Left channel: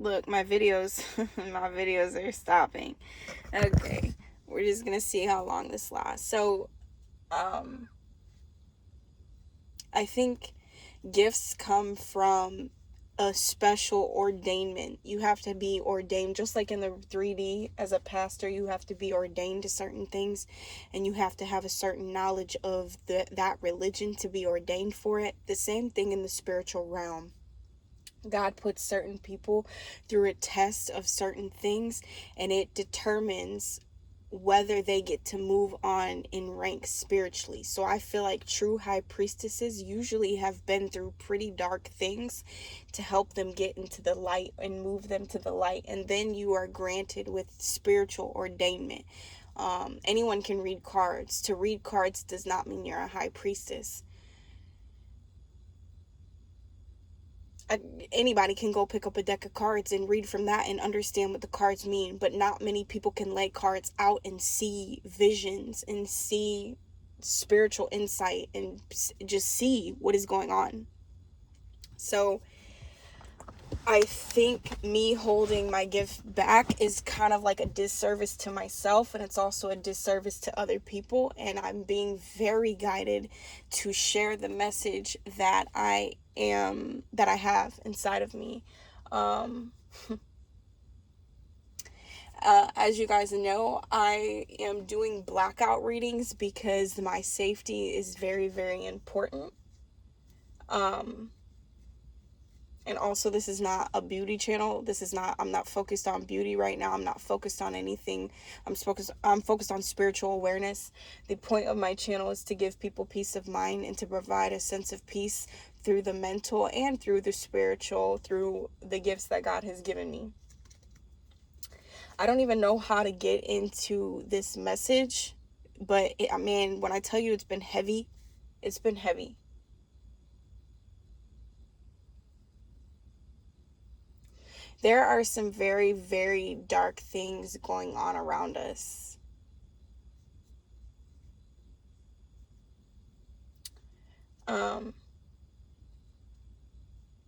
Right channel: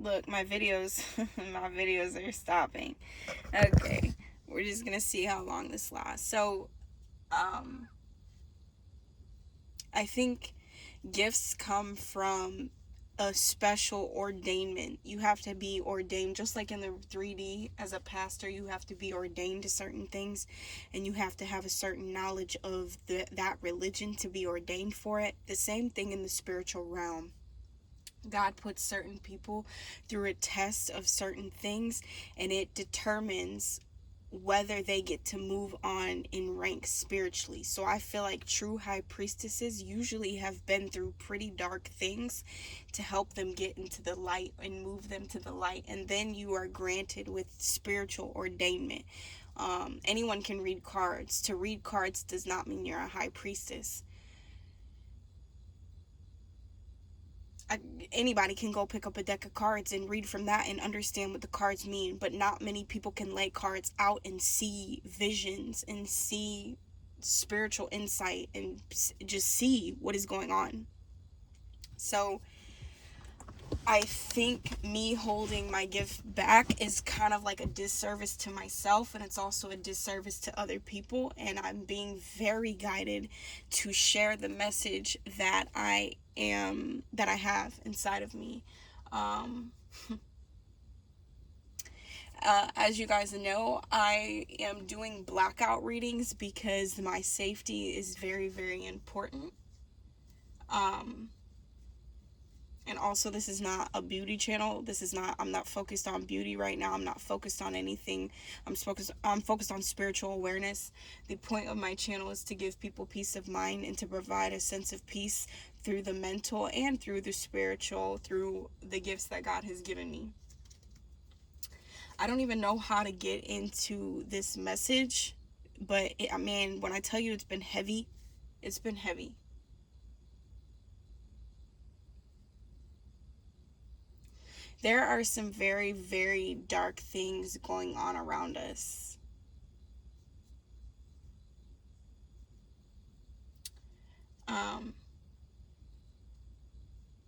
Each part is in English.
Look, my videos, my videos are stopping. Okay, we're just gonna see how long this lasts. So, I think gifts come from a special ordainment. You have to be ordained, just like in the 3D as a pastor, you have to be ordained to certain things, and you have to have a certain knowledge of that religion to be ordained for it. The same thing in the spiritual realm. God puts certain people through a test of certain things, and it determines whether they get to move on in rank spiritually. So I feel like true high priestesses usually have been through pretty dark things to help them get into the light and move them to the light, and then you are granted with spiritual ordainment. Anyone can read cards. To read cards does not mean you're a high priestess. Anybody can go pick up a deck of cards and read from that and understand what the cards mean, but not many people can lay cards out and see visions and see spiritual insight and just see what is going on. So I think me holding my gift back is kind of like a disservice to myself, and it's also a disservice to other people, and I'm being very guided to share the message that I have inside of me. As you guys know, I am doing blackout readings because my safety is very, very important. And also, this is not a beauty channel. I'm not focused on beauty right now. I'm not focused on anything. I'm focused on spiritual awareness. The point of my channel is to give people peace of mind and to provide a sense of peace through the mental and through the spiritual, through the gifts that God has given me. I don't even know how to get into this message, but when I tell you it's been heavy, it's been heavy. There are some very, very dark things going on around us.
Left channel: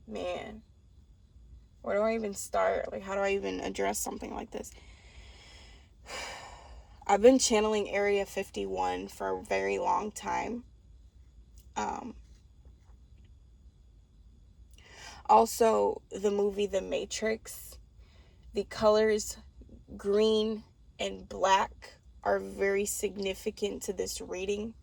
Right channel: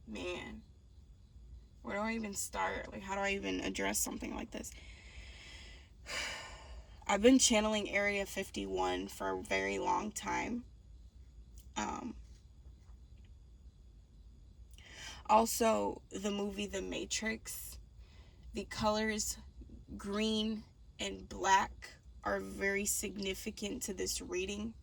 Man, where do I even start? Like, how do I even address something like this? I've been channeling Area 51 for a very long time. Also, the movie The Matrix, the colors green and black are very significant to this reading.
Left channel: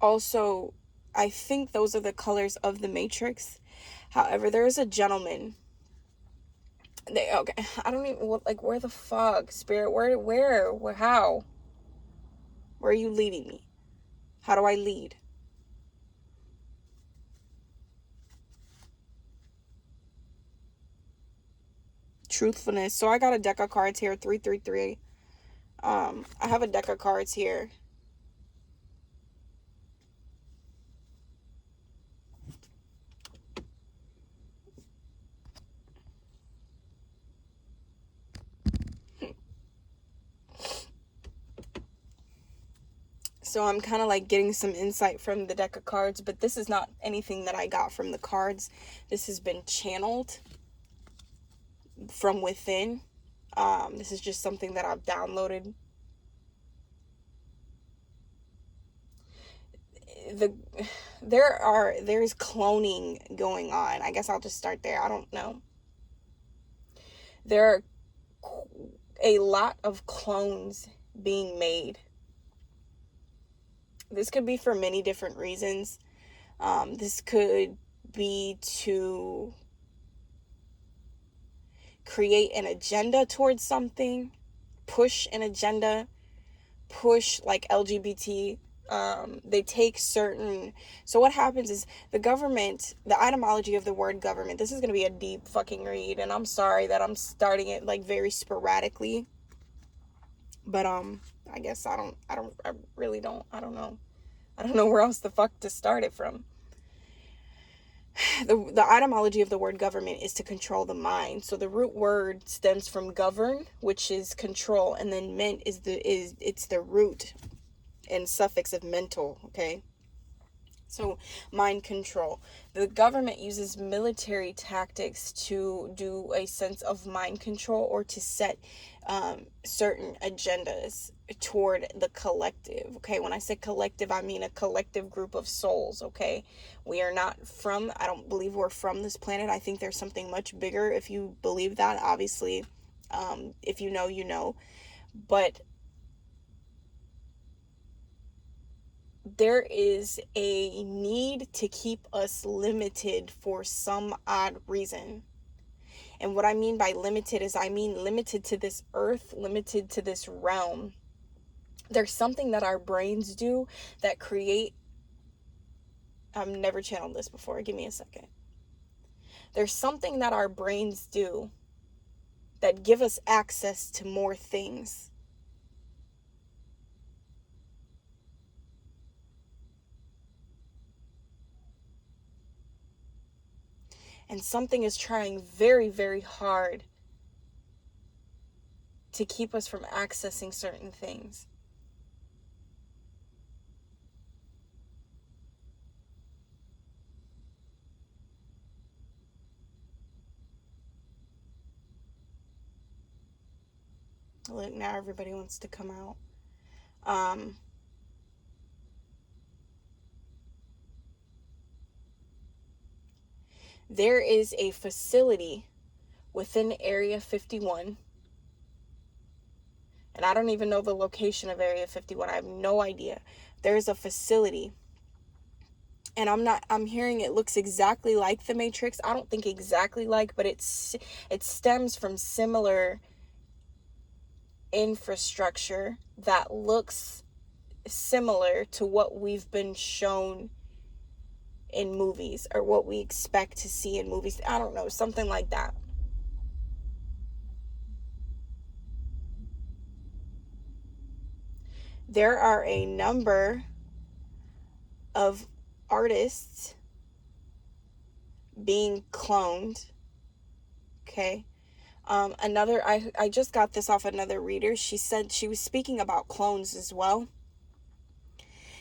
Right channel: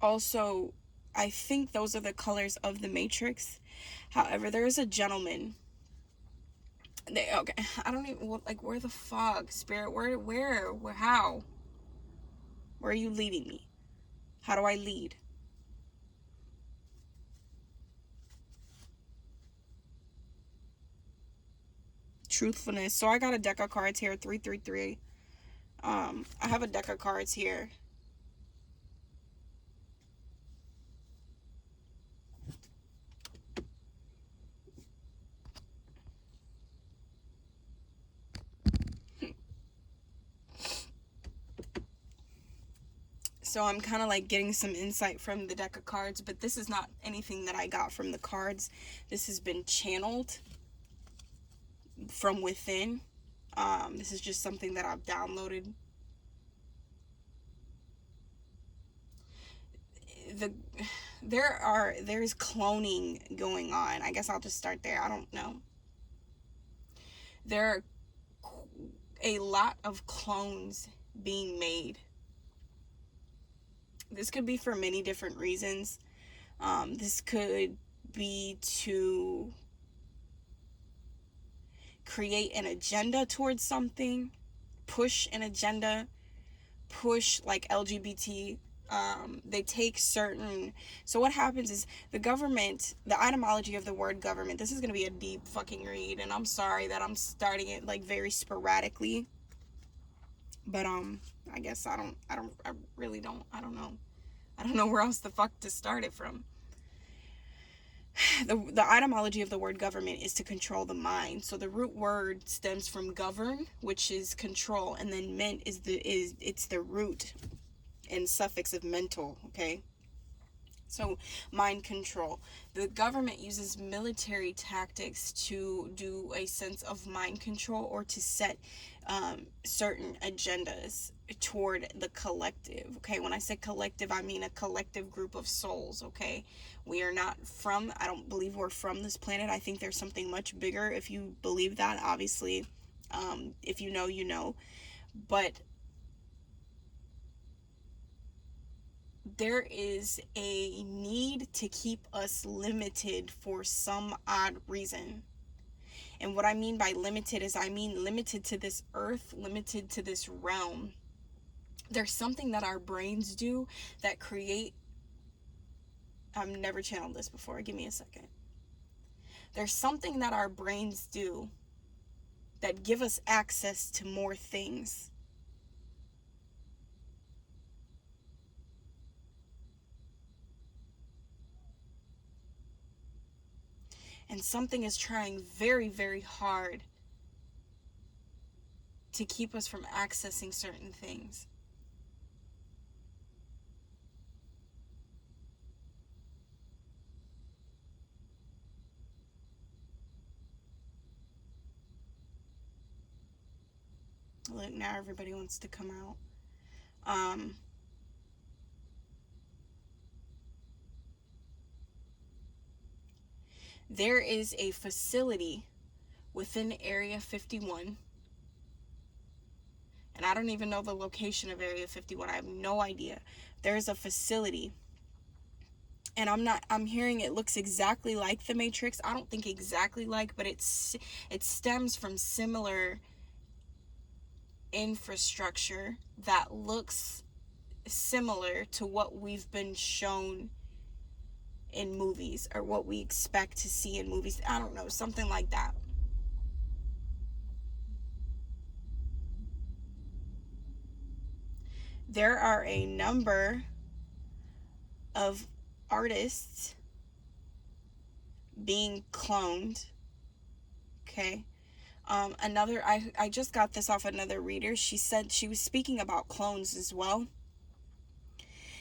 Also, I think those are the colors of the Matrix. However, there is a gentleman. Okay, I don't even, where the fuck, Spirit? Where, how? Where are you leading me? How do I lead? Truthfulness. So I got a deck of cards here, 333. I have a deck of cards here. So I'm kind of like getting some insight from the deck of cards, but this is not anything that I got from the cards. This has been channeled from within. This is just something that I've downloaded. There's cloning going on. I guess I'll just start there. I don't know. There are a lot of clones being made. This could be for many different reasons. This could be to create an agenda towards something, push an agenda, push like LGBT. They take certain. So what happens is the government, the etymology of the word government. This is gonna be a deep fucking read, and I'm sorry that I'm starting it like very sporadically. But I guess I really don't. I don't know. I don't know where else the fuck to start it from. the etymology of the word government is to control the mind. So the root word stems from govern, which is control, and then ment is it's the root and suffix of mental, okay? So mind control. The government uses military tactics to do a sense of mind control, or to set certain agendas toward the collective. Okay, when I say collective, I mean a collective group of souls. Okay, we are not from, I don't believe we're from this planet. I think there's something much bigger. If you believe that, obviously, if you know, you know. But there is a need to keep us limited for some odd reason. And what I mean by limited is, I mean limited to this earth, limited to this realm. There's something that our brains do that create, I've never channeled this before, give me a second. There's something that our brains do that give us access to more things. And something is trying very, very hard to keep us from accessing certain things. Look, now everybody wants to come out. There is a facility within Area 51, and I don't even know the location of Area 51. I have no idea. There's a facility, and I'm hearing it looks exactly like the Matrix. I don't think exactly like, but it stems from similar infrastructure that looks similar to what we've been shown in movies, or what we expect to see in movies. I don't know, something like that. There are a number of artists being cloned. Okay. I just got this off another reader. She said, she was speaking about clones as well.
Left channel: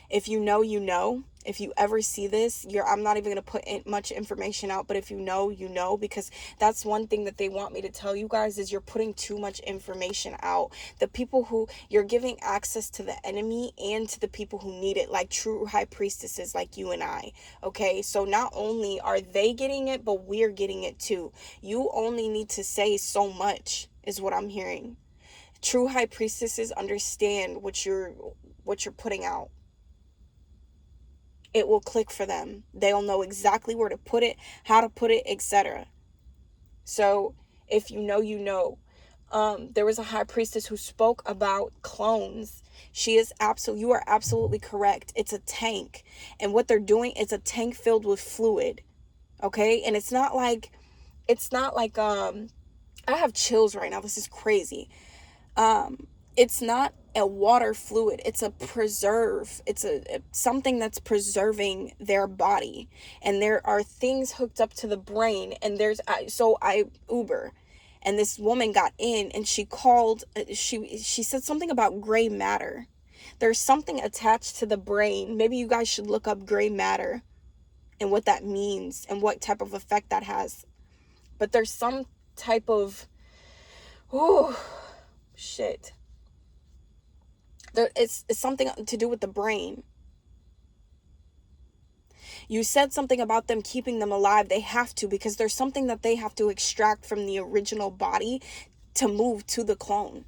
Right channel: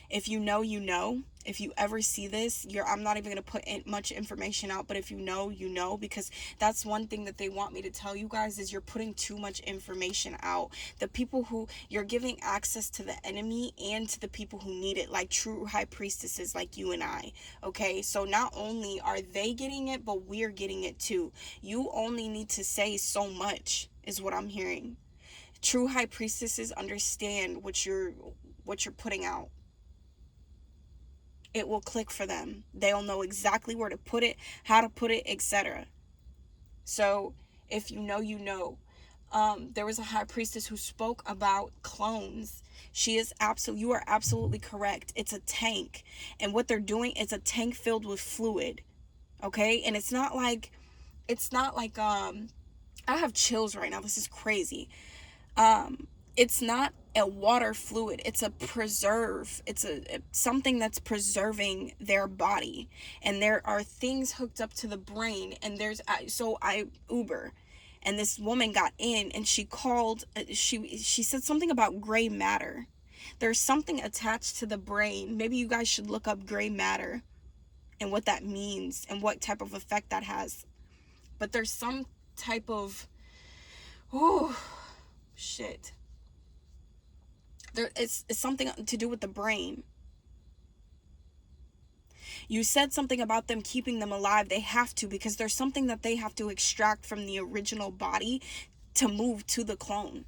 If you know, you know. If you ever see this, I'm not even going to put in much information out, but if you know, you know, because that's one thing that they want me to tell you guys, is you're putting too much information out. The people who you're giving access to the enemy, and to the people who need it, like true high priestesses like you and I. Okay, so not only are they getting it, but we're getting it too. You only need to say so much, is what I'm hearing. True high priestesses understand what you're putting out. It will click for them. They'll know exactly where to put it, how to put it, etc. So if you know, you know. There was a high priestess who spoke about clones. You are absolutely correct. It's a tank. And what they're doing is a tank filled with fluid. Okay? And it's not like I have chills right now. This is crazy. It's not a water fluid, it's a preserve. It's something that's preserving their body, and there are things hooked up to the brain. And I Uber, and this woman got in, and she called, she said something about gray matter. There's something attached to the brain. Maybe you guys should look up gray matter and what that means and what type of effect that has. But there's some type of, oh shit, it's something to do with the brain. You said something about them keeping them alive. They have to, because there's something that they have to extract from the original body to move to the clone.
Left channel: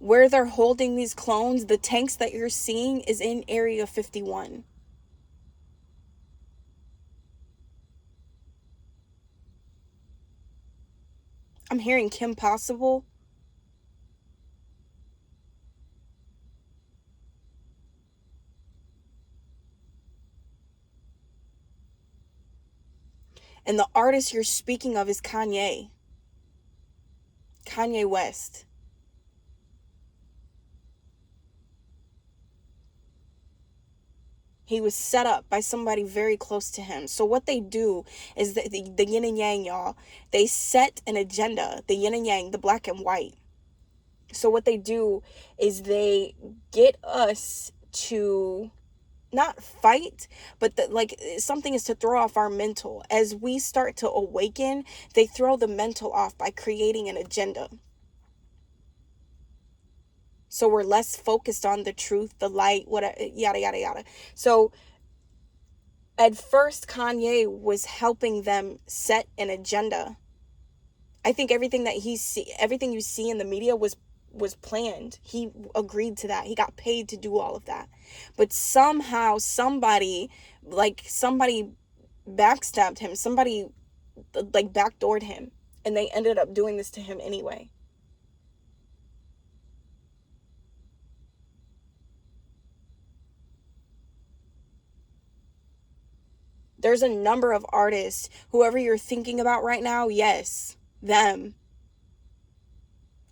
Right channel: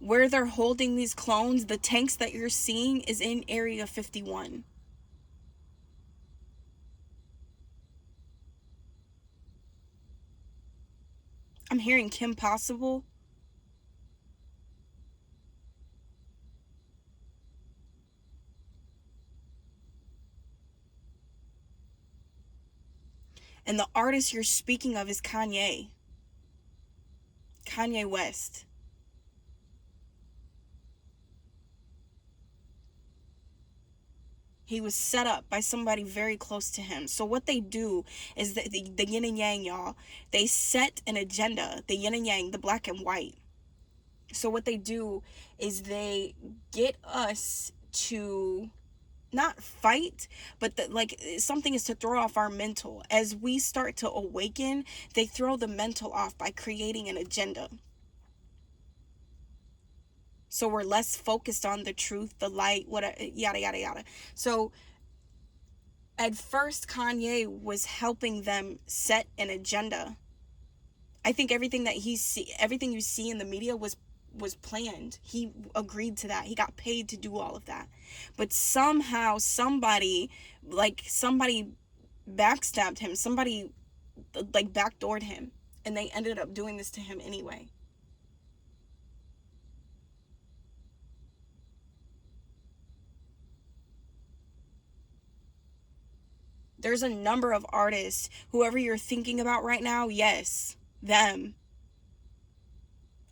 Where they're holding these clones, the tanks that you're seeing, is in Area 51. I'm hearing Kim Possible. And the artist you're speaking of is Kanye West. He was set up by somebody very close to him. So what they do is the yin and yang, y'all. They set an agenda, the yin and yang, the black and white. So what they do is they get us to not fight, but like something is to throw off our mental. As we start to awaken, they throw the mental off by creating an agenda. So we're less focused on the truth, the light, whatever, yada, yada, yada. So at first, Kanye was helping them set an agenda. I think everything everything you see in the media was planned. He agreed to that. He got paid to do all of that. But somehow somebody backstabbed him. Somebody like backdoored him, and they ended up doing this to him anyway. There's a number of artists, whoever you're thinking about right now, yes, them.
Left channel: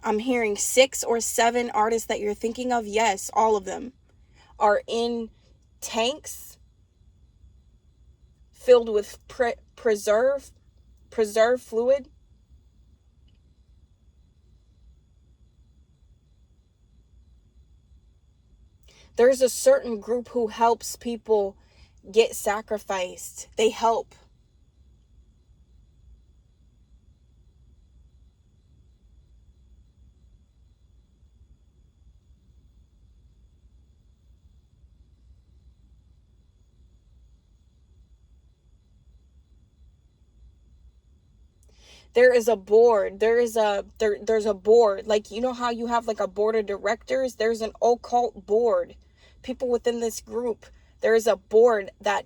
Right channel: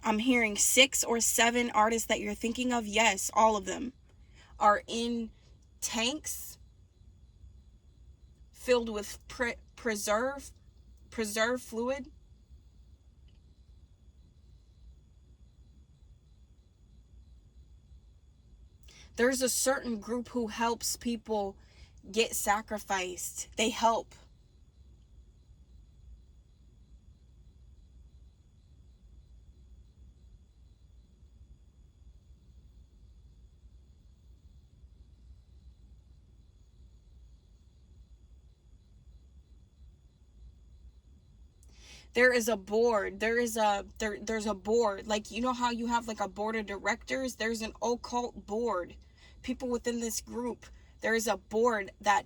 I'm hearing 6 or 7 artists that you're thinking of, yes, all of them are in tanks filled with preserved fluid. There's a certain group who helps people get sacrificed. They help. There is a board. There's a board. Like, you know how you have like a board of directors? There's an occult board. People within this group, there is a board that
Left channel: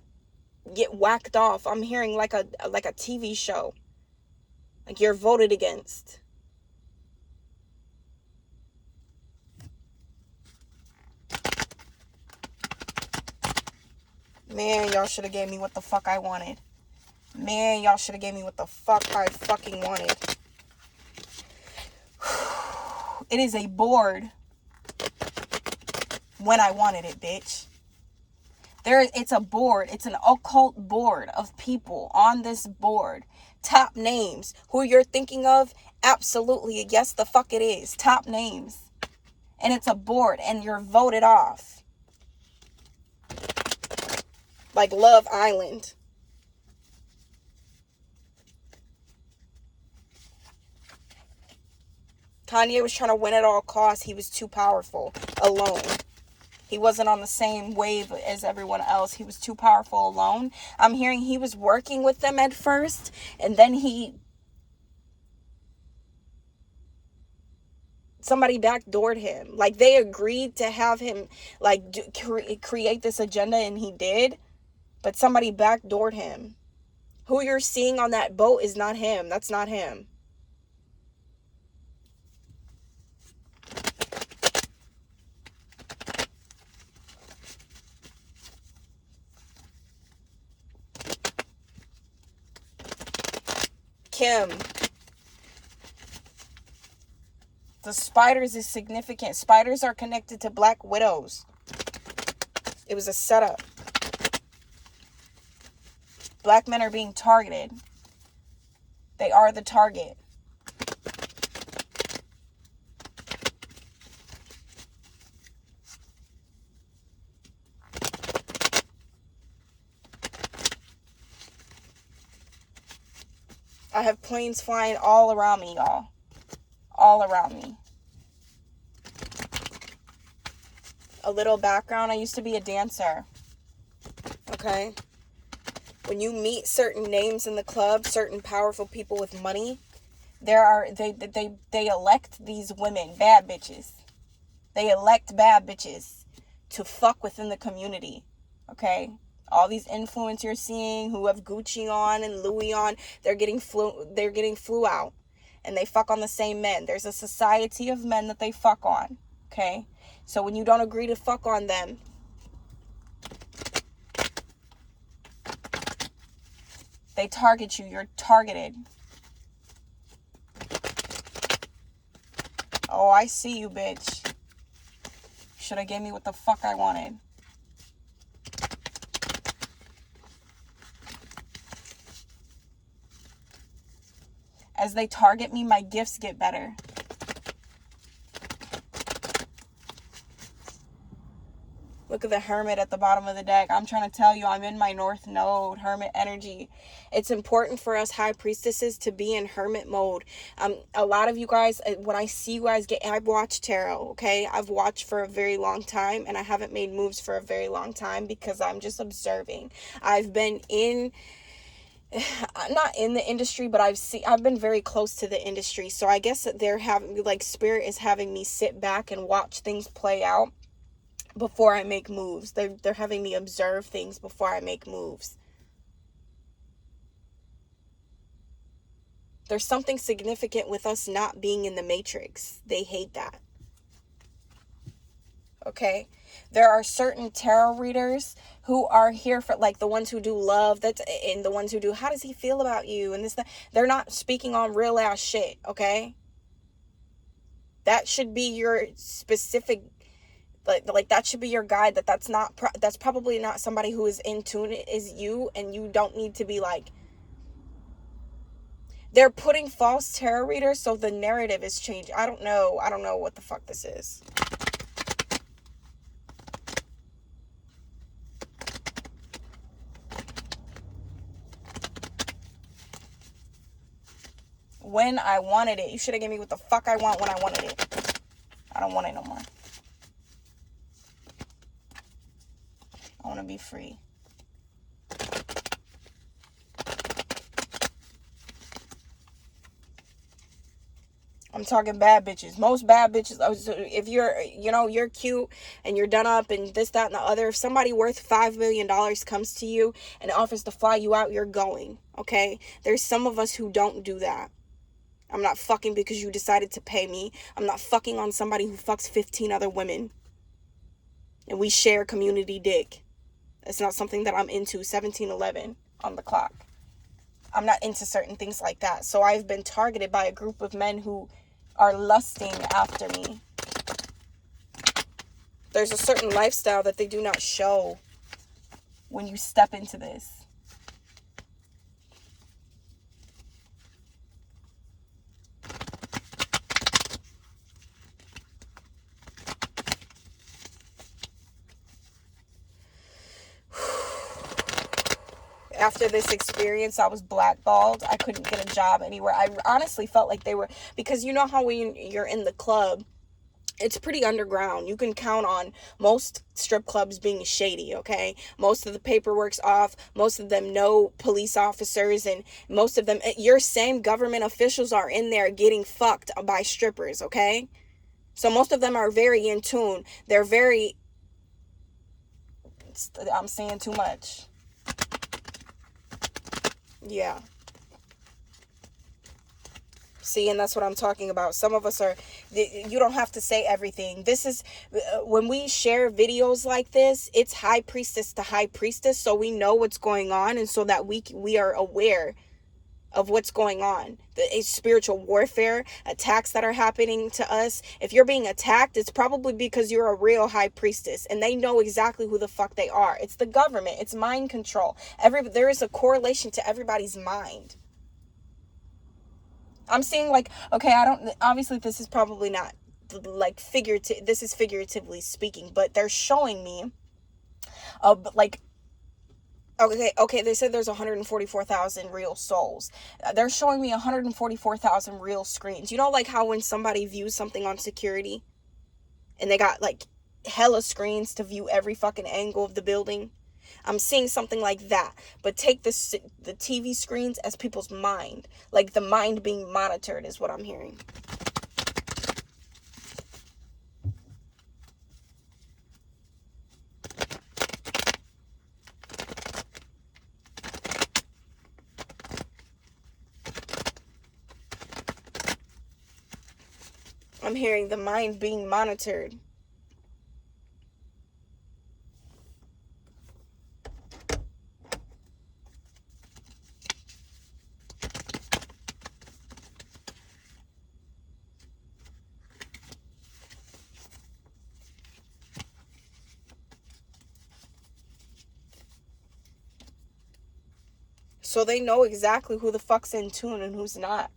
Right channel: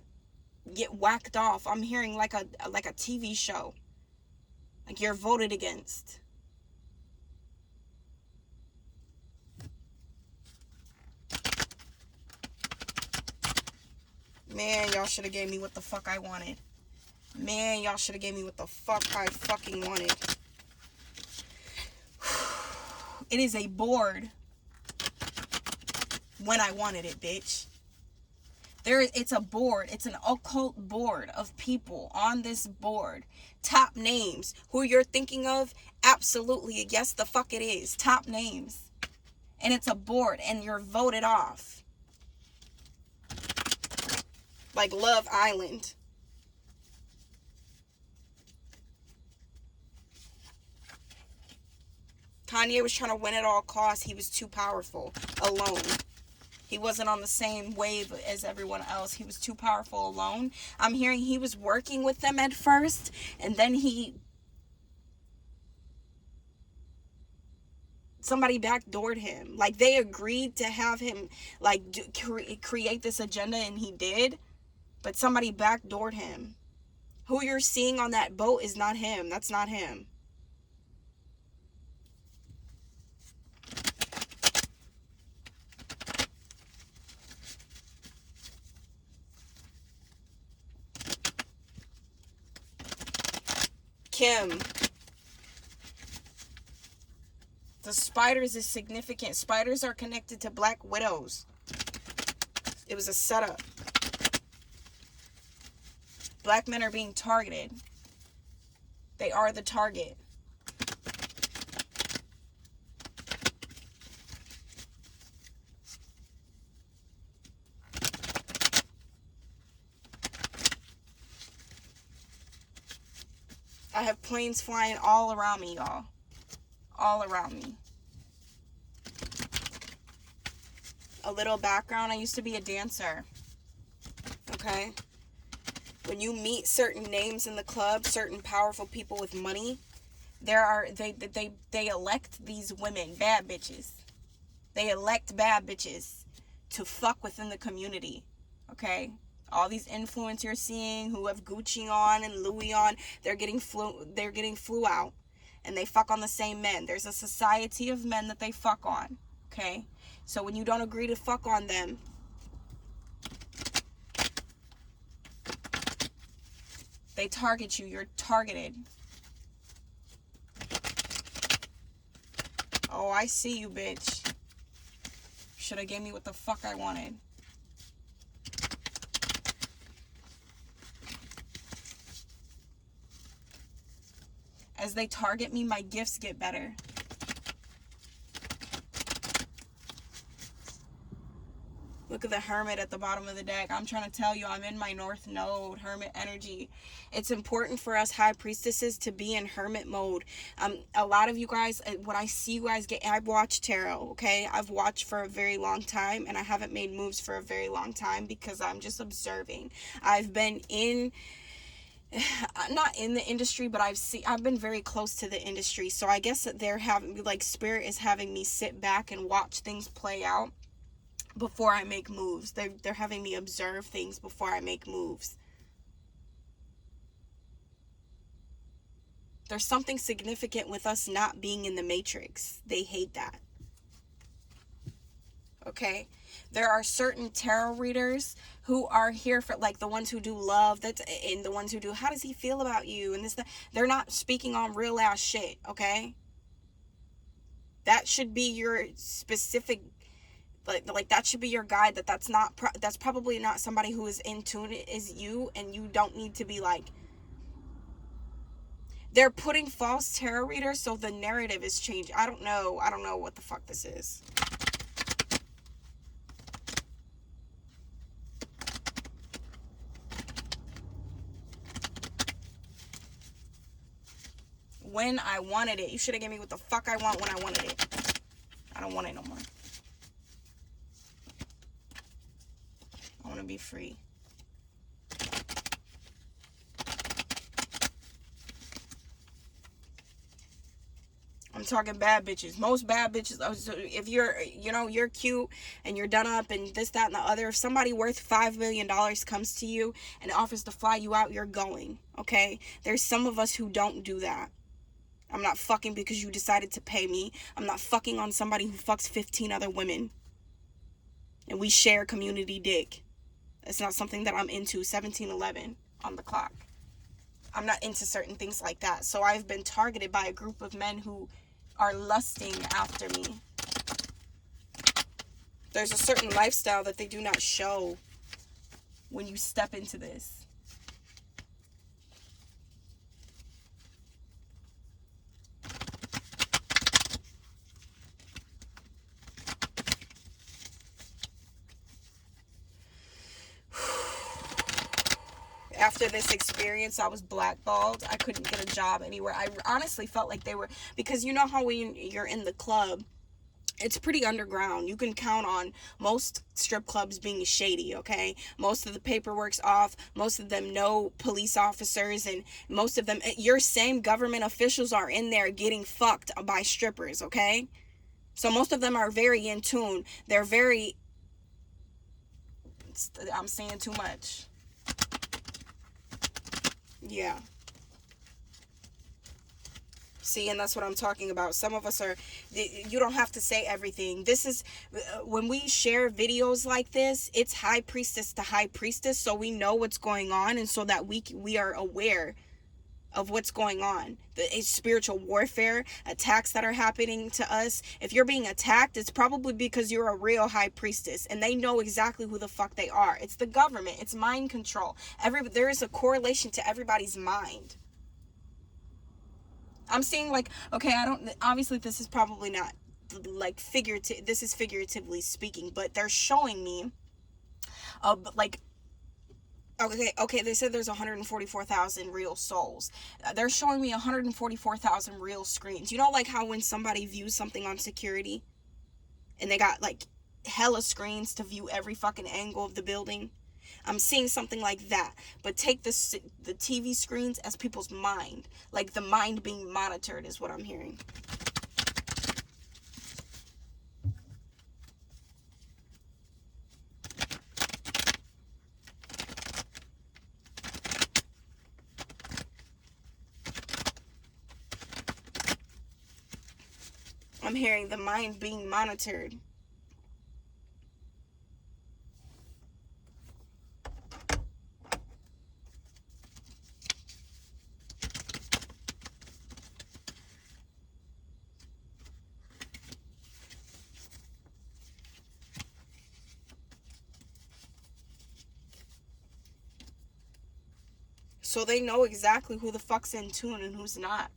get whacked off. I'm hearing like a TV show. Like, you're voted against. Man, y'all should have gave me what the fuck I wanted. Man, y'all should have gave me what the fuck I fucking wanted. It is a board when I wanted it, bitch. It's a board. It's an occult board of people on this board. Top names. Who you're thinking of? Absolutely. Yes, the fuck it is. Top names. And it's a board, and you're voted off. Like Love Island. Kanye was trying to win at all costs. He was too powerful alone. He wasn't on the same wave as everyone else. He was too powerful alone. I'm hearing he was working with them at first, and then somebody backdoored him. Like, they agreed to have him like create this agenda, and he did, but somebody backdoored him. Who you're seeing on that boat is not him. That's not him. Kim. The spiders is significant. Spiders are connected to black widows. It was a setup. Black men are being targeted. They are the target. I have planes flying all around me, y'all. All around me. A little background. I used to be a dancer. Okay? When you meet certain names in the club, certain powerful people with money, they elect these women, bad bitches. They elect bad bitches to fuck within the community. Okay? All these influencers you're seeing who have Gucci on and Louis on, they're getting flew out, and they fuck on the same men. There's a society of men that they fuck on. Okay? So when you don't agree to fuck on them, they target you. You're targeted. Oh, I see you, bitch. Should have gave me what the fuck I wanted. As they target me, my gifts get better. Look at the Hermit at the bottom of the deck. I'm trying to tell you, I'm in my North Node, Hermit energy. It's important for us High Priestesses to be in Hermit mode. A lot of you guys, when I see you guys I've watched tarot, okay? I've watched for a very long time, and I haven't made moves for a very long time because I'm just observing. I've been I'm not in the industry, but I've been very close to the industry. So I guess that they're having, like, Spirit is having me sit back and watch things play out before I make moves. They're having me observe things before I make moves. There's something significant with us not being in the matrix. They hate that. Okay? There are certain tarot readers who are here for, like, the ones who do love, and the ones who do, how does he feel about you, and this, that. They're not speaking on real ass shit, okay? That should be your specific, like that should be your guide. That's probably not somebody who is in tune. It is you, and you don't need to be like, they're putting false tarot readers, so the narrative is changed. I don't know what the fuck this is. When I wanted it. You should have given me what the fuck I want when I wanted it. I don't want it no more. I want to be free. I'm talking bad bitches. Most bad bitches. If you're cute and you're done up and this, that, and the other. If somebody worth $5 million comes to you and offers to fly you out, you're going. Okay? There's some of us who don't do that. I'm not fucking because you decided to pay me. I'm not fucking on somebody who fucks 15 other women. And we share community dick. It's not something that I'm into. 1711 on the clock. I'm not into certain things like that. So I've been targeted by a group of men who are lusting after me. There's a certain lifestyle that they do not show when you step into this. After this experience, I was blackballed. I couldn't get a job anywhere. I honestly felt like they were, because you know how when you're in the club, it's pretty underground. You can count on most strip clubs being shady, okay? Most of the paperwork's off. Most of them know police officers, and most of them, your same government officials are in there getting fucked by strippers, okay? So most of them are very in tune. They're very, I'm saying too much. Yeah. See, and that's what I'm talking about. Some of us are, you don't have to say everything. This is, when we share videos like this, it's high priestess to high priestess, so we know what's going on, and so that we are aware of what's going on. The spiritual warfare, attacks that are happening to us. If you're being attacked, it's probably because you're a real high priestess, and they know exactly who the fuck they are. It's the government. It's mind control. There is a correlation to everybody's mind. I'm seeing, like, okay, obviously this is probably not like figurative, this is figuratively speaking, but they're showing me like, okay, they said there's 144,000 real souls. They're showing me 144,000 real screens. You know, like how when somebody views something on security and they got like hella screens to view every fucking angle of the building? I'm seeing something like that, but take the TV screens as people's mind, like the mind being monitored is what I'm hearing. I'm hearing the mind being monitored. So they know exactly who the fuck's in tune and who's not.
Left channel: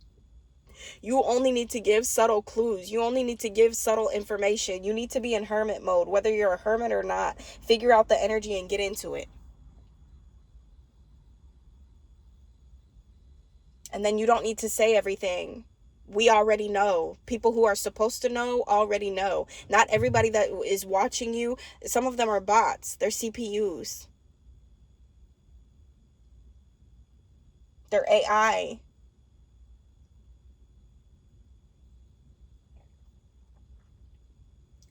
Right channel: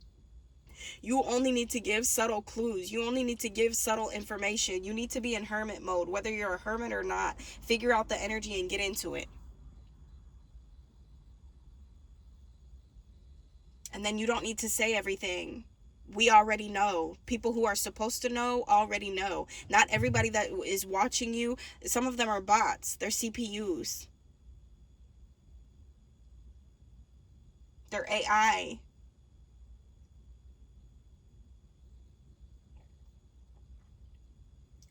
You only need to give subtle clues. You only need to give subtle information. You need to be in hermit mode, whether you're a hermit or not. Figure out the energy and get into it. And then you don't need to say everything. We already know. People who are supposed to know already know. Not everybody that is watching you, some of them are bots. They're CPUs. They're AI.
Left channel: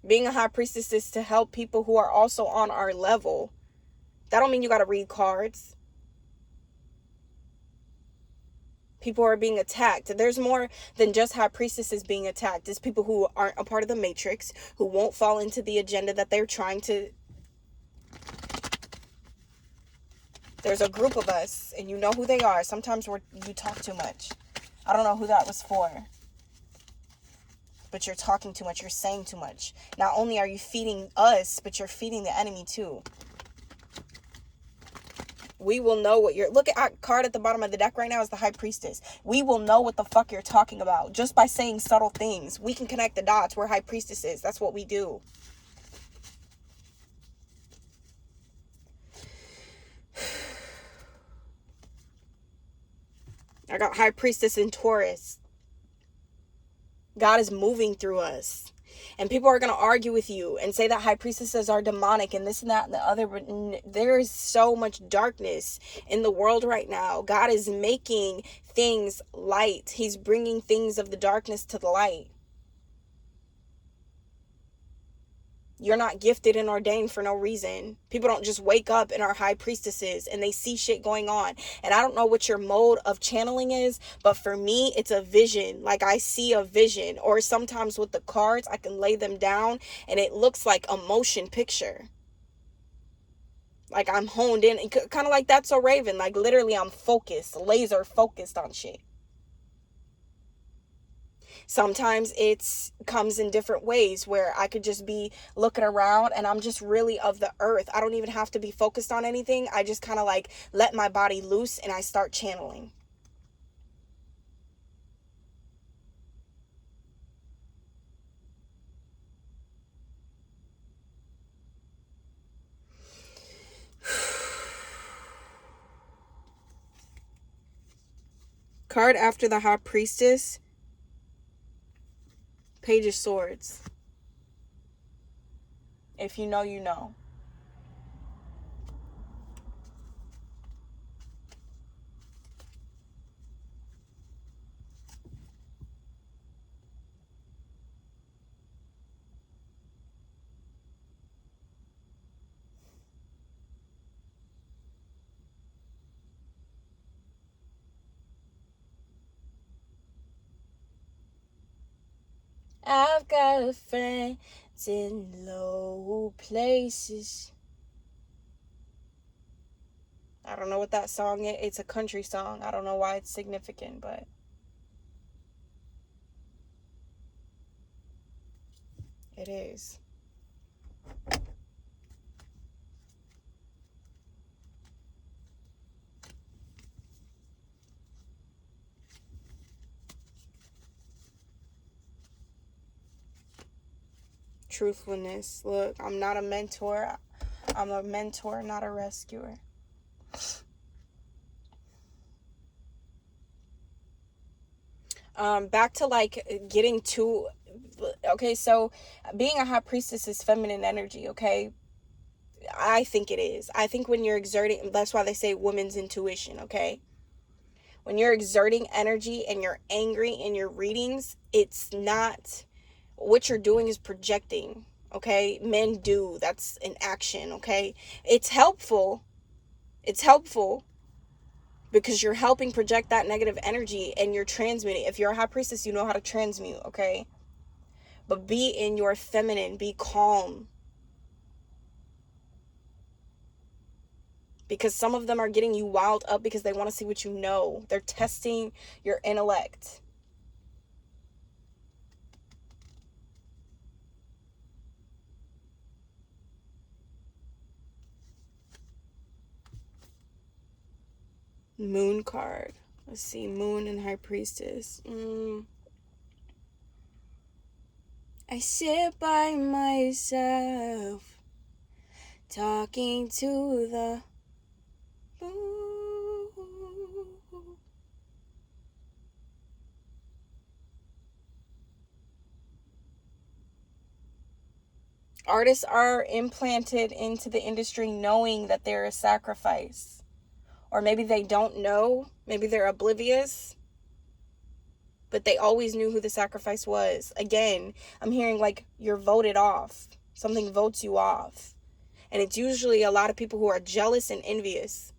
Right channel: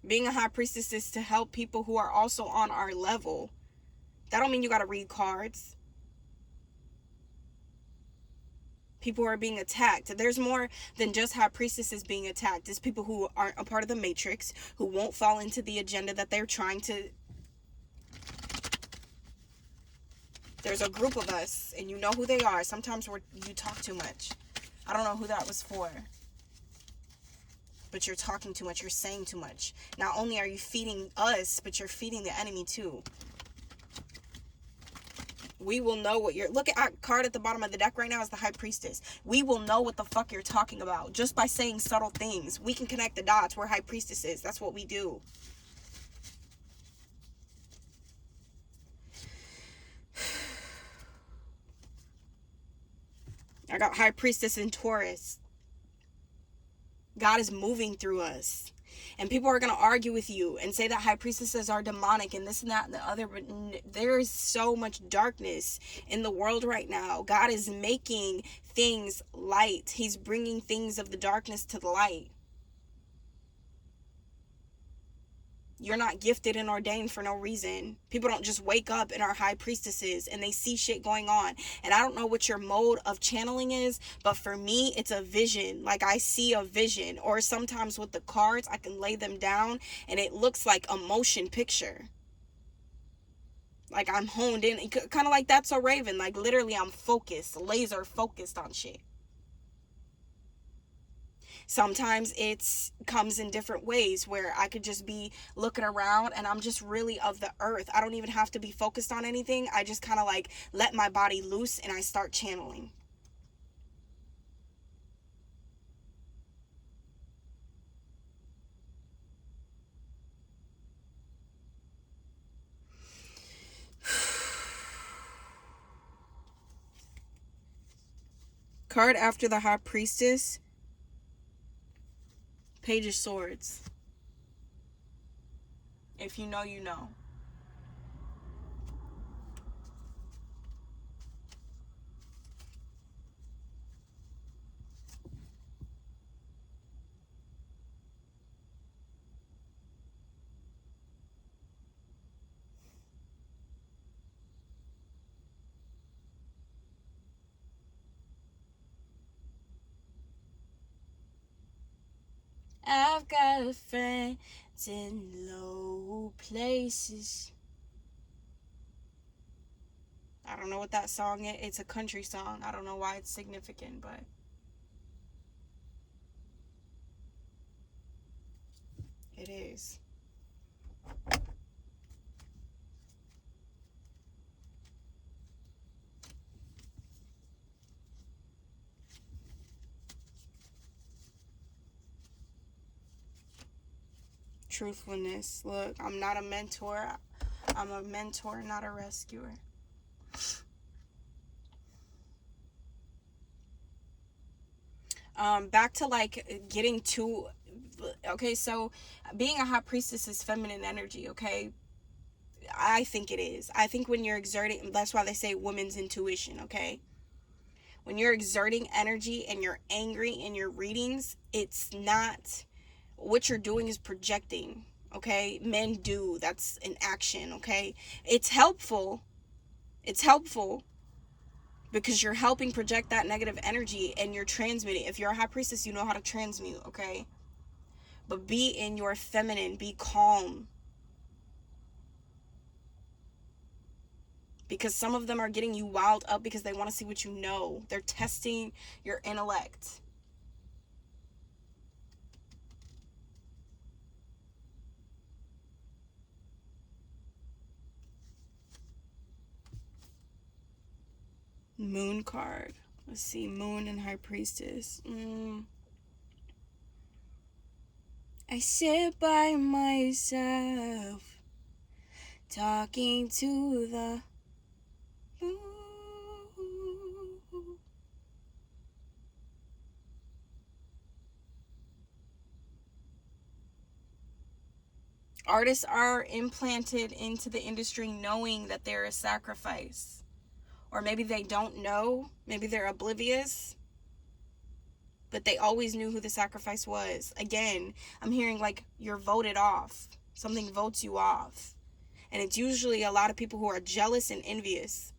Being a high priestess is to help people who are also on our level. That don't mean you got to read cards. People are being attacked. There's more than just high priestesses being attacked. It's people who aren't a part of the matrix, who won't fall into the agenda that they're trying to. There's a group of us, and you know who they are. Sometimes you talk too much. I don't know who that was for. But you're talking too much. You're saying too much. Not only are you feeding us, but you're feeding the enemy too. We will know what you're... Look at our card at the bottom of the deck right now is the High Priestess. We will know what the fuck you're talking about just by saying subtle things. We can connect the dots. We're High Priestesses. That's what we do. I got High Priestess in Taurus. God is moving through us. And people are going to argue with you and say that high priestesses are demonic and this and that and the other. But there is so much darkness in the world right now. God is making things light. He's bringing things of the darkness to the light. You're not gifted and ordained for no reason. People don't just wake up and are high priestesses and they see shit going on. And I don't know what your mode of channeling is, but for me, it's a vision. Like I see a vision. Or sometimes with the cards, I can lay them down and it looks like a motion picture. Like I'm honed in, kind of like That's So Raven. Like literally I'm focused, laser focused on shit. Sometimes it comes in different ways where I could just be looking around and I'm just really of the earth. I don't even have to be focused on anything. I just kind of like let my body loose and I start channeling. Card after the High Priestess, Page of Swords. If you know, you know. I've got a friend in low places. I don't know what that song is. It's a country song. I don't know why it's significant, but it is. Truthfulness. Look, I'm not a mentor. I'm a mentor, not a rescuer. Back to like getting to... Okay, so being a high priestess is feminine energy, okay? I think it is. I think when you're exerting, that's why they say women's intuition, okay? When you're exerting energy and you're angry in your readings, it's not... What you're doing is projecting, okay? Men do. That's an action, okay? It's helpful. It's helpful because you're helping project that negative energy and you're transmitting. If you're a high priestess, you know how to transmute, okay? But be in your feminine, be calm. Because some of them are getting you wild up because they want to see what you know. They're testing your intellect. Moon card. Let's see, Moon and High Priestess. I sit by myself, talking to the moon. Artists are implanted into the industry knowing that they're a sacrifice. Or maybe they don't know. Maybe they're oblivious. But they always knew who the sacrifice was. Again, I'm hearing like you're voted off. Something votes you off. And it's usually a lot of people who are jealous and envious.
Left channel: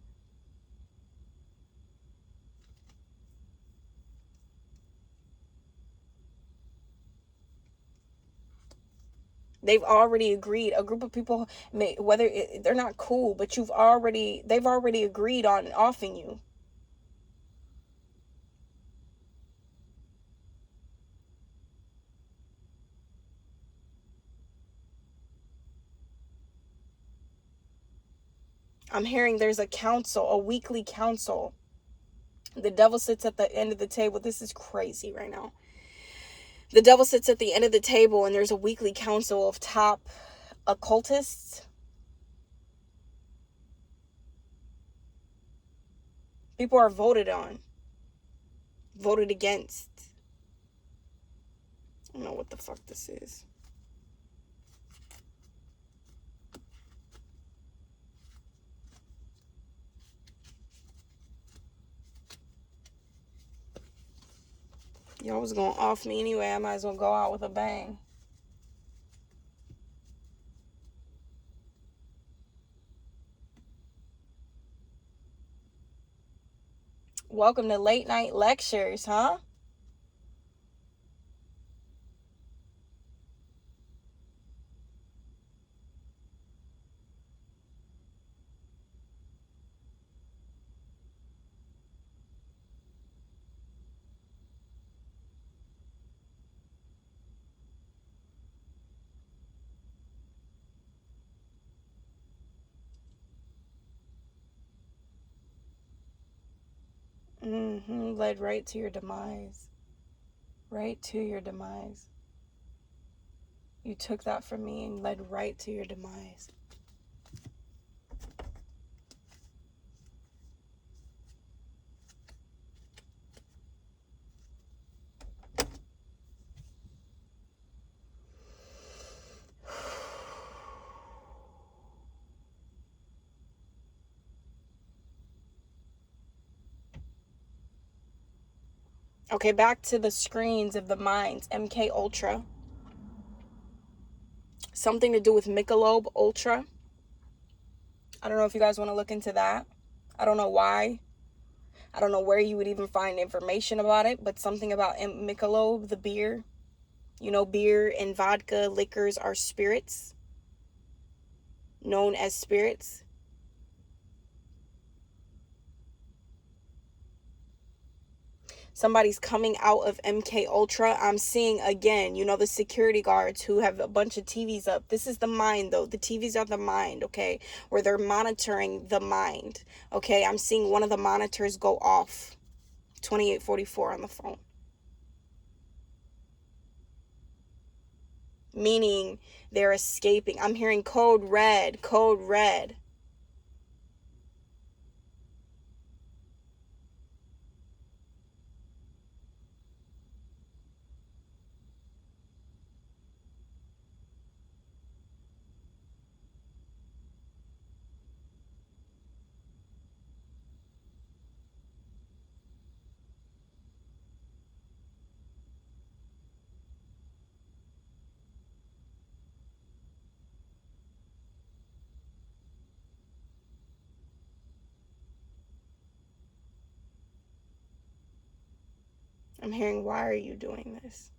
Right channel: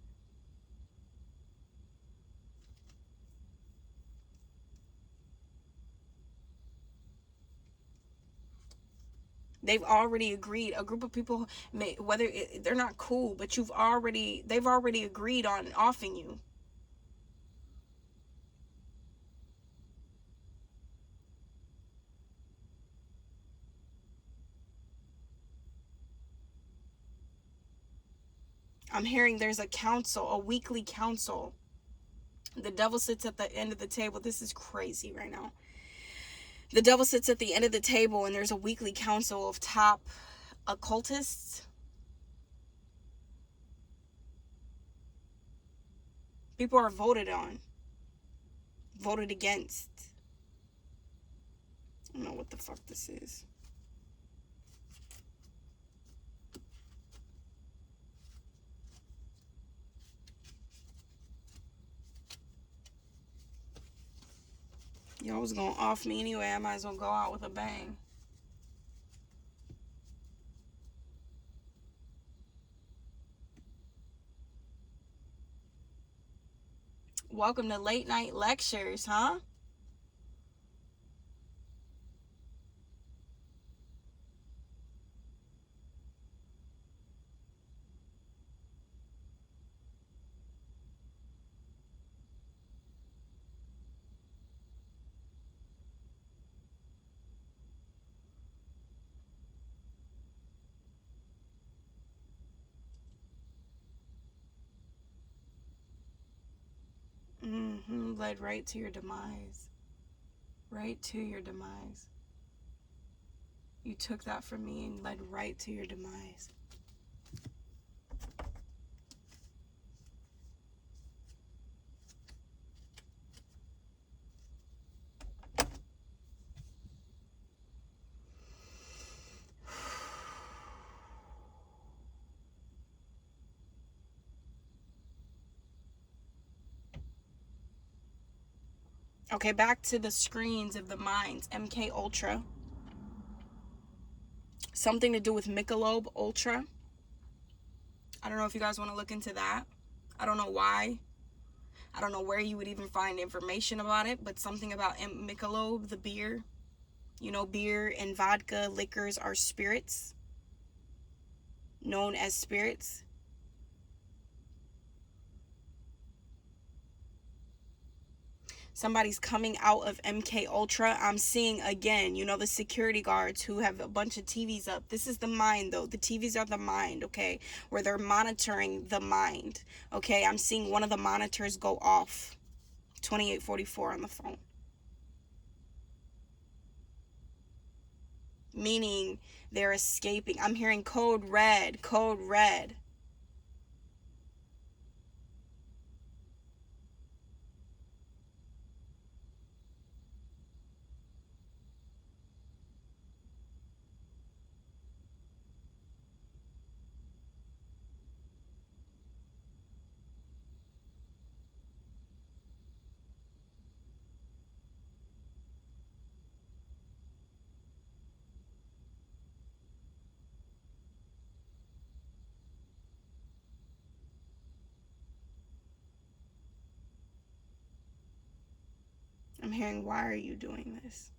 They've already agreed. A group of people, whether they're not cool, but they've already agreed on offing you. I'm hearing there's a council, a weekly council. The devil sits at the end of the table. This is crazy right now. The devil sits at the end of the table, and there's a weekly council of top occultists. People are voted on, voted against. I don't know what the fuck this is. Y'all was gonna off me anyway. I might as well go out with a bang. Welcome to late night lectures, huh? Led right to your demise. Right to your demise. You took that from me and led right to your demise. Okay, back to the screens of the minds. MK Ultra. Something to do with Michelob Ultra. I don't know if you guys want to look into that. I don't know why. I don't know where you would even find information about it, but something about Michelob, the beer. You know, beer and vodka, liquors are spirits, known as spirits. Somebody's coming out of MK Ultra. I'm seeing again, you know, the security guards who have a bunch of TVs up. This is the mind though. The TVs are the mind, okay? Where they're monitoring the mind. Okay, I'm seeing one of the monitors go off. 2844 on the phone. Meaning they're escaping. I'm hearing code red, code red. I'm hearing, why are you doing this?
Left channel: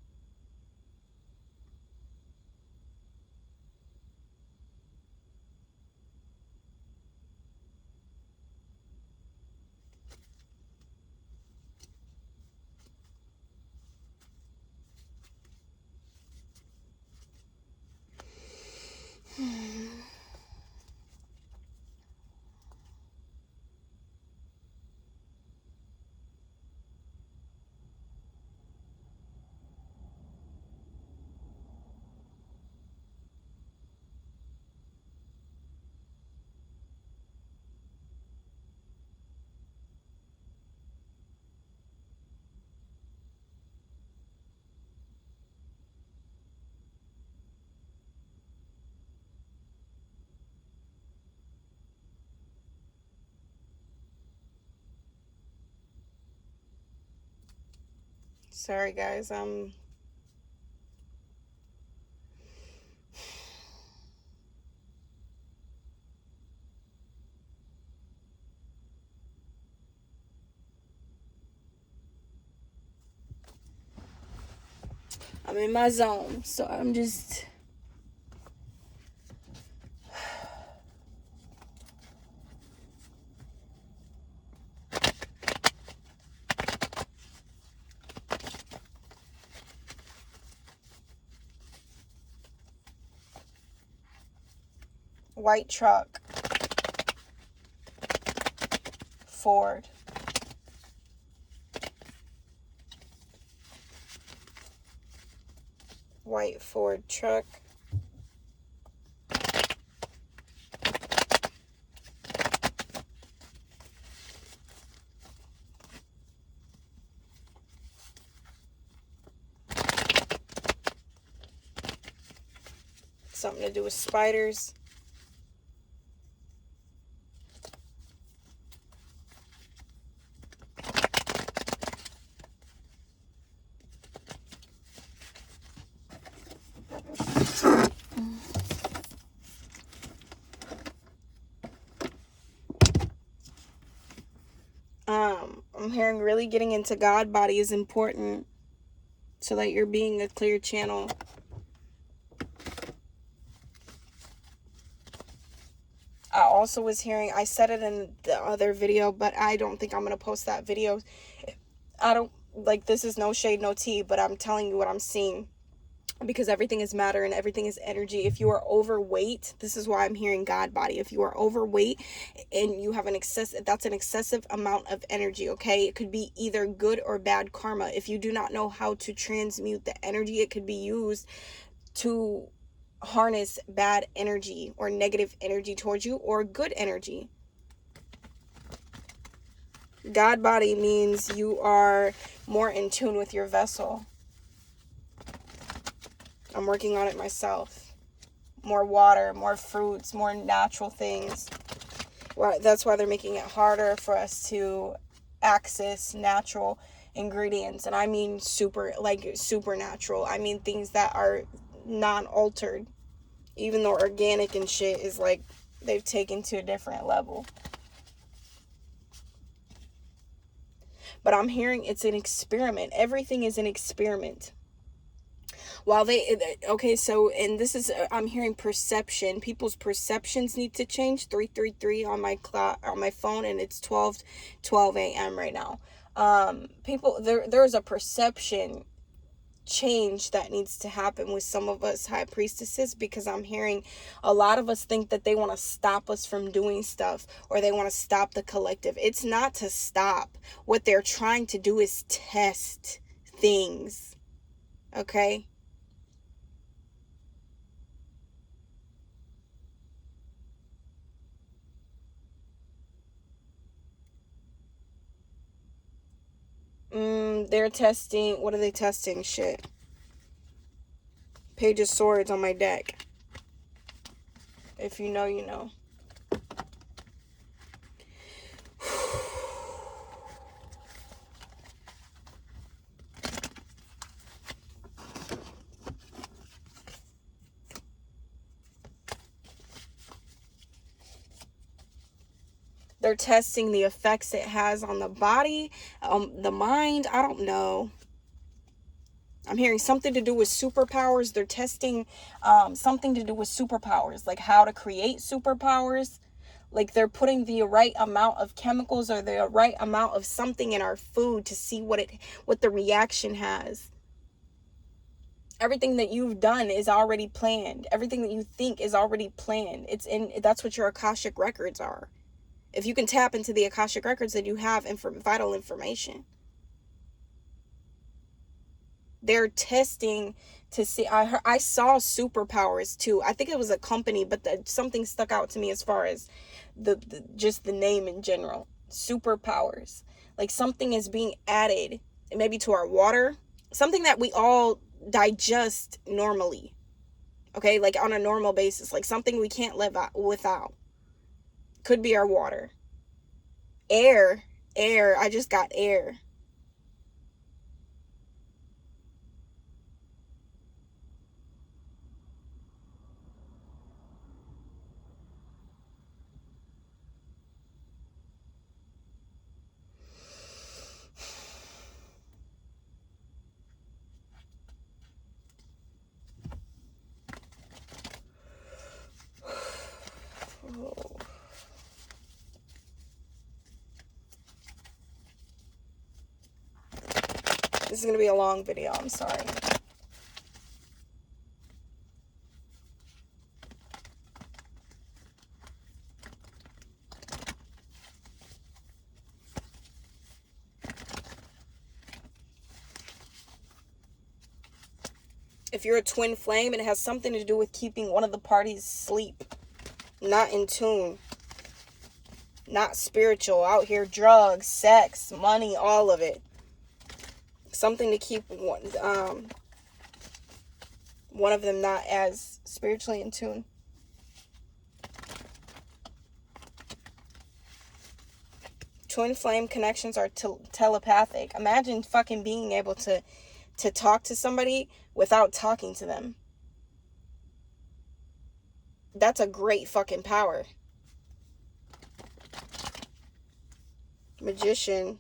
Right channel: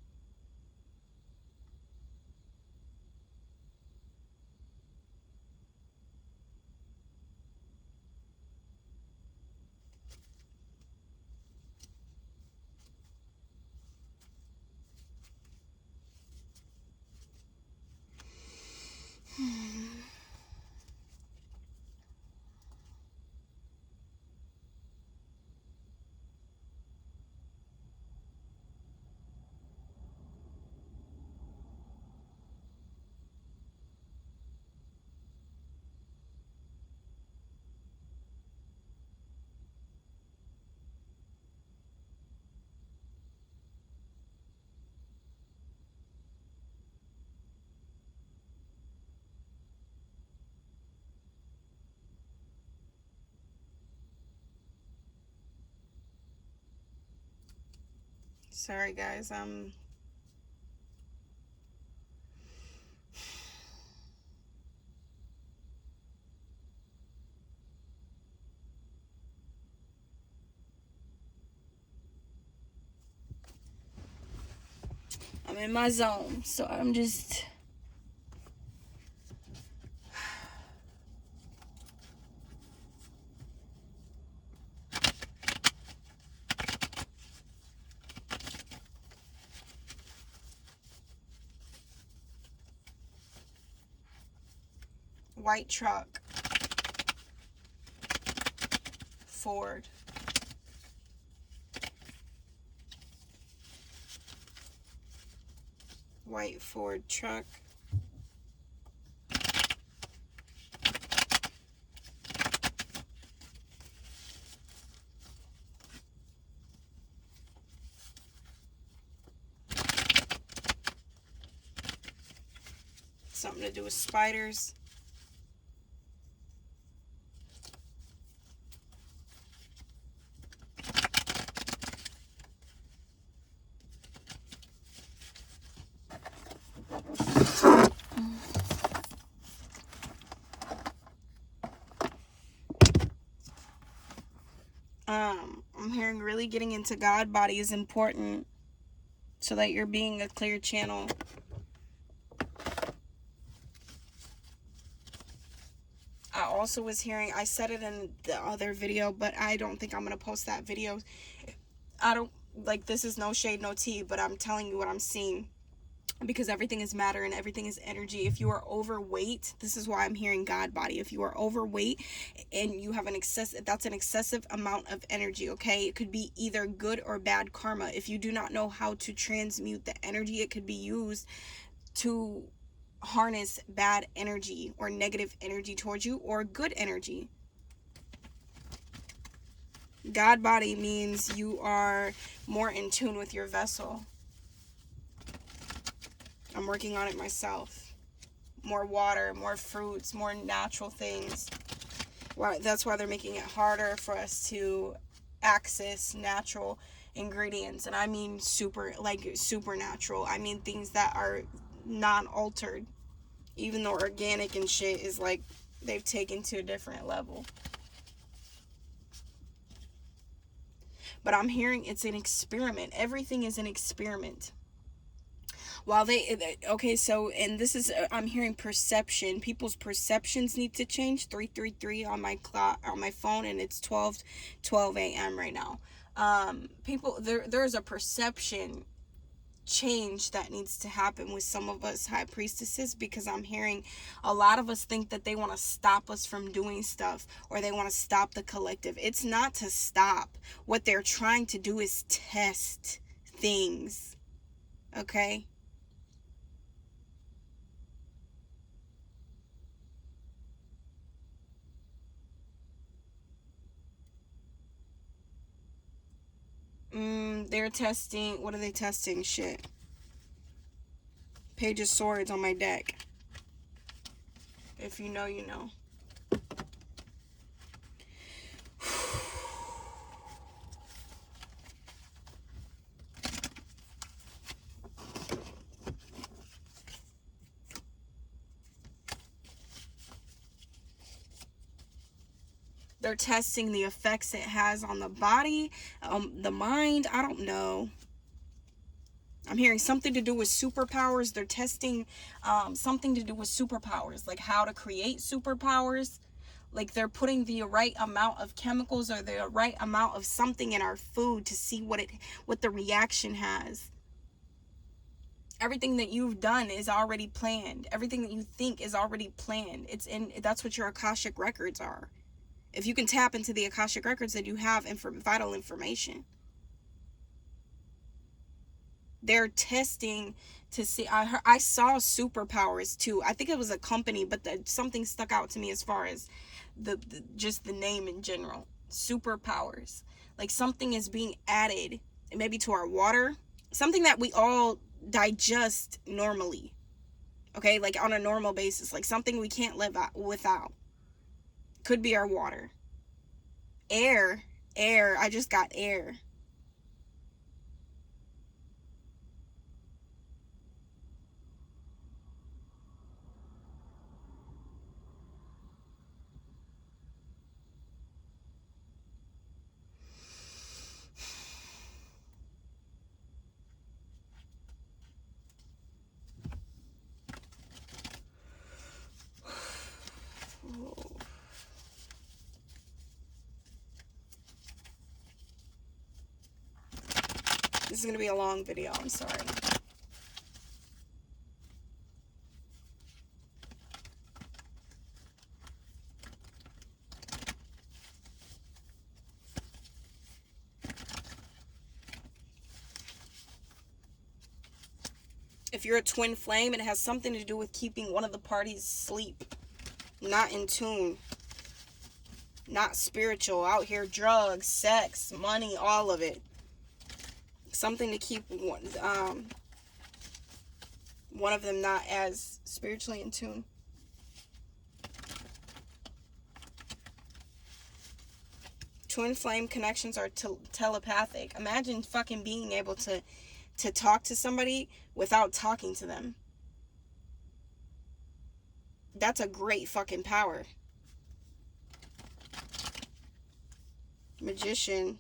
Sorry, guys. I'm in my zone, so I'm just... White truck. Ford. White Ford truck. Something to do with spiders. I'm hearing really getting into God body is important so that you're being a clear channel. I also was hearing, I said it in the other video, but I don't think I'm going to post that video. I don't, like, this is no shade, no tea, but I'm telling you what I'm seeing. Because everything is matter and everything is energy. If you are overweight, this is why I'm hearing God body. If you are overweight and you have that's an excessive amount of energy, okay? It could be either good or bad karma. If you do not know how to transmute the energy, it could be used to harness bad energy or negative energy towards you or good energy. God body means you are more in tune with your vessel. I'm working on it myself. More water, more fruits, more natural things. Well, that's why they're making it harder for us to access natural ingredients. And I mean supernatural. I mean things that are non-altered. Even though organic and shit is like, they've taken to a different level. But I'm hearing it's an experiment. Everything is an experiment. While okay, so, and this is, I'm hearing perception. People's perceptions need to change. 333 on my clock, on my phone, and it's 12 a.m. right now. People, there's a perception change that needs to happen with some of us high priestesses, because I'm hearing a lot of us think that they want to stop us from doing stuff, or they want to stop the collective. It's not to stop. What they're trying to do is test things. Okay? They're testing, what are they testing? Shit. Page of Swords on my deck. If you know, you know. They're testing the effects it has on the body, the mind. I don't know. I'm hearing something to do with superpowers. They're testing something to do with superpowers, like how to create superpowers. Like they're putting the right amount of chemicals or the right amount of something in our food to see what the reaction has. Everything that you've done is already planned. Everything that you think is already planned. That's what your Akashic records are. If you can tap into the Akashic records, then you have vital information. They're testing to see. I saw superpowers too. I think it was a company, but something stuck out to me as far as just the name in general. Superpowers. Like something is being added, maybe to our water. Something that we all digest normally. Okay, like on a normal basis. Like something we can't live without. Could be our water. Air. I just got air. This is going to be a long video. I'm sorry. If you're a twin flame, it has something to do with keeping one of the parties asleep, not in tune, not spiritual, out here, drugs, sex, money, all of it. Something to keep one of them not as spiritually in tune. Twin flame connections are telepathic. Imagine fucking being able to talk to somebody without talking to them. That's a great fucking power. Magician.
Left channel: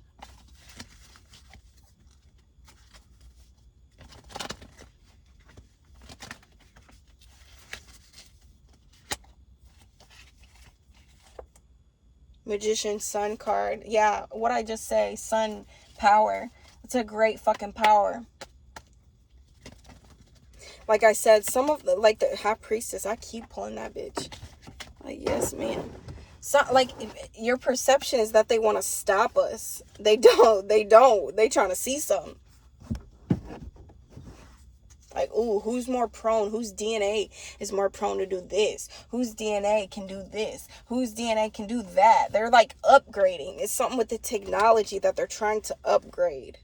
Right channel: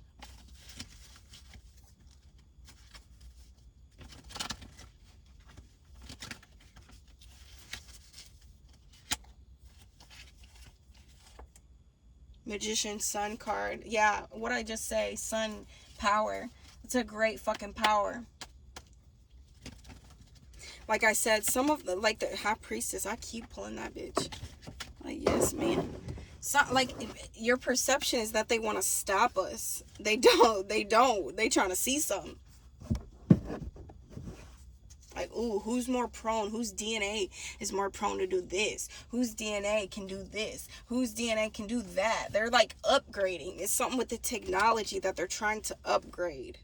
Magician, sun card. Yeah, what I just say, sun power. It's a great fucking power. Like I said, some of the, like the high priestess, I keep pulling that bitch. Like, yes, man. So, like, your perception is that they want to stop us. They don't. They trying to see something. Like, ooh, who's more prone? Whose DNA is more prone to do this? Whose DNA can do this? Whose DNA can do that? They're like upgrading. It's something with the technology that they're trying to upgrade.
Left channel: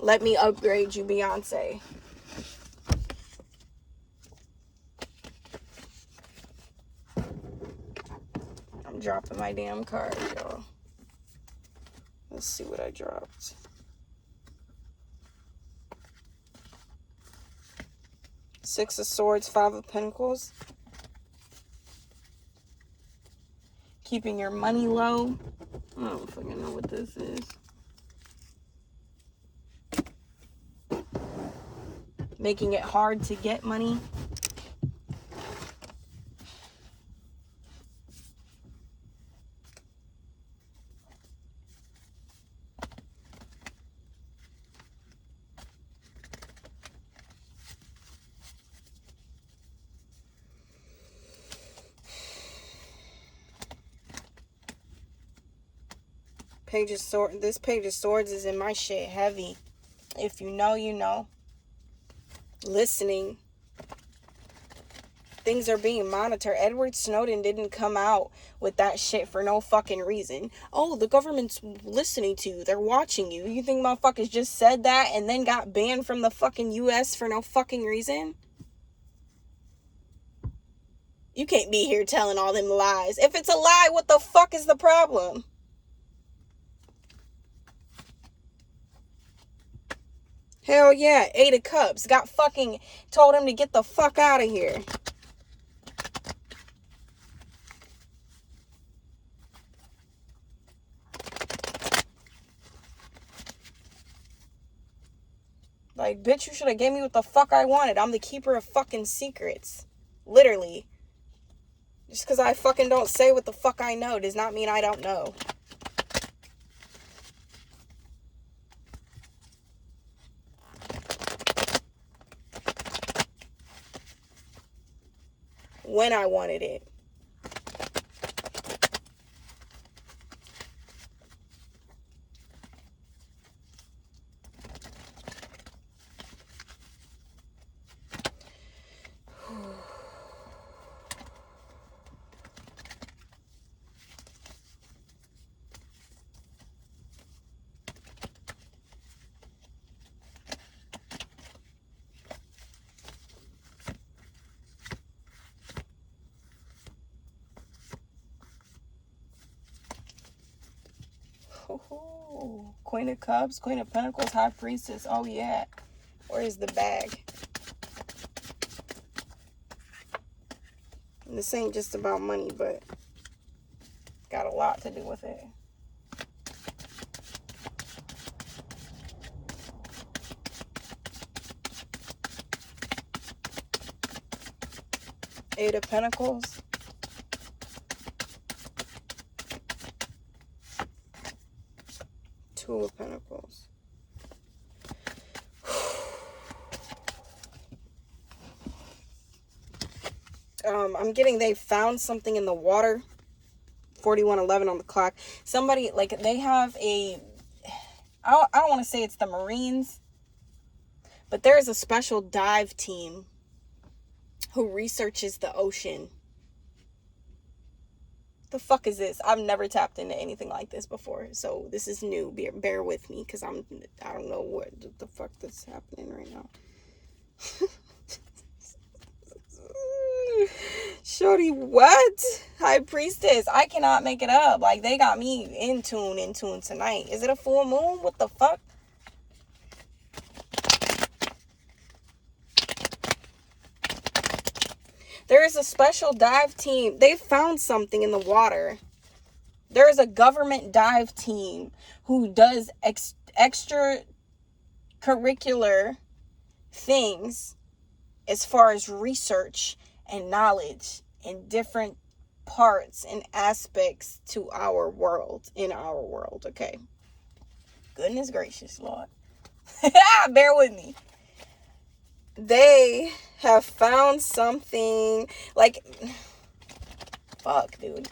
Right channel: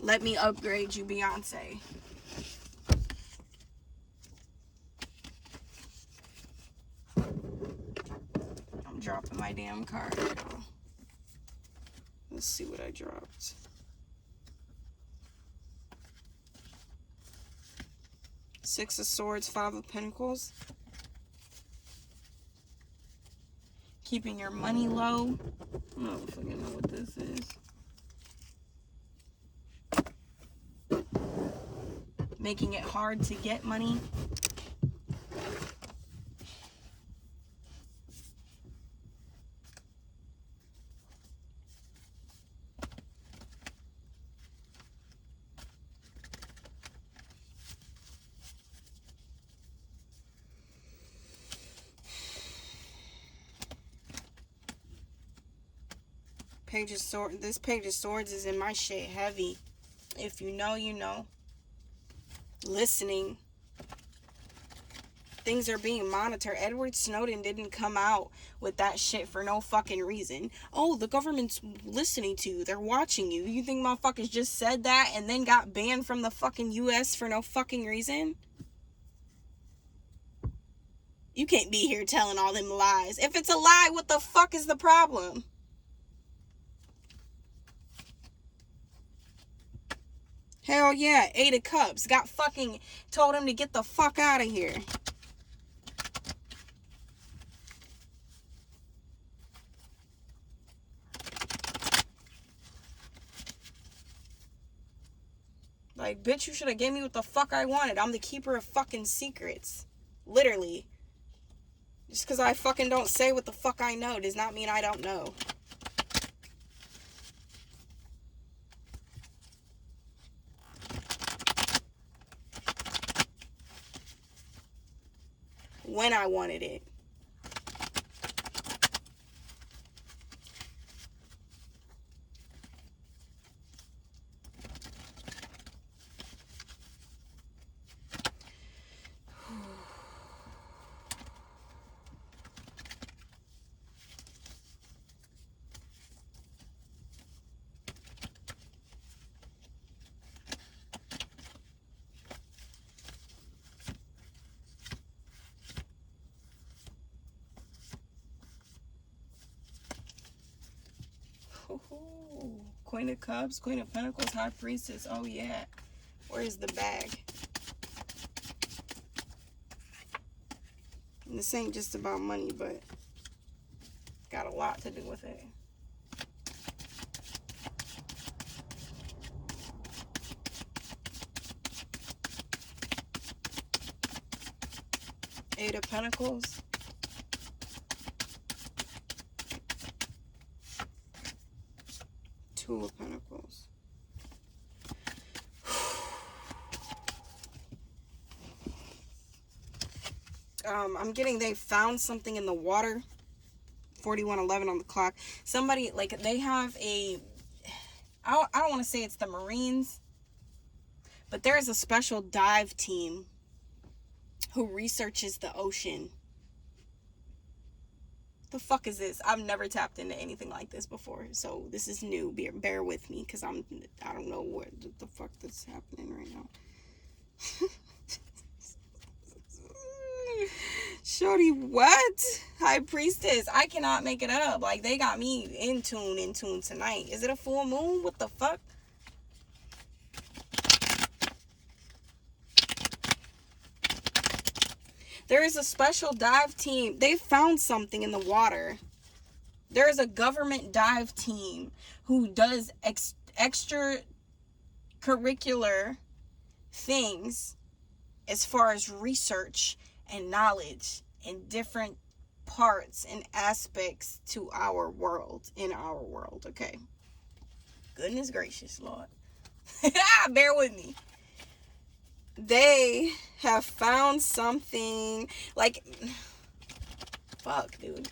Let me upgrade you, Beyonce. I'm dropping my damn card, y'all. Let's see what I dropped. Six of Swords, Five of Pentacles. Keeping your money low. I don't fucking know what this is. Making it hard to get money. Page of Swords. This Page of Swords is in my shit heavy. If you know, you know. Listening. Things are being monitored. Edward Snowden didn't come out with that shit for no fucking reason. Oh, the government's listening to you. They're watching you. You think motherfuckers just said that and then got banned from the fucking US for no fucking reason? You can't be here telling all them lies. If it's a lie, what the fuck is the problem? Hell yeah, 8 of Cups. Got fucking told him to get the fuck out of here. Like, bitch, you should have gave me what the fuck I wanted. I'm the keeper of fucking secrets. Literally. Just because I fucking don't say what the fuck I know does not mean I don't know. When I wanted it. Oh, Queen of Cups, Queen of Pentacles, High Priestess. Oh, yeah. Where's the bag? And this ain't just about money, but got a lot to do with it. Eight of Pentacles. Two of Pentacles. I'm getting they found something in the water. 41:11 on the clock. Somebody, like, they have a, I don't want to say it's the Marines, but there is a special dive team who researches the ocean. The fuck is this? I've never tapped into anything like this before, so this is new. Bear with me, because I don't know what the fuck that's happening right now. Shorty, what? High Priestess, I cannot make it up. Like, they got me in tune tonight. Is it a full moon? What the fuck? There is a special dive team. They found something in the water. There is a government dive team who does extracurricular things as far as research and knowledge in different parts and aspects to our world, okay? Goodness gracious, Lord. Bear with me. They have found something, like, fuck, dude.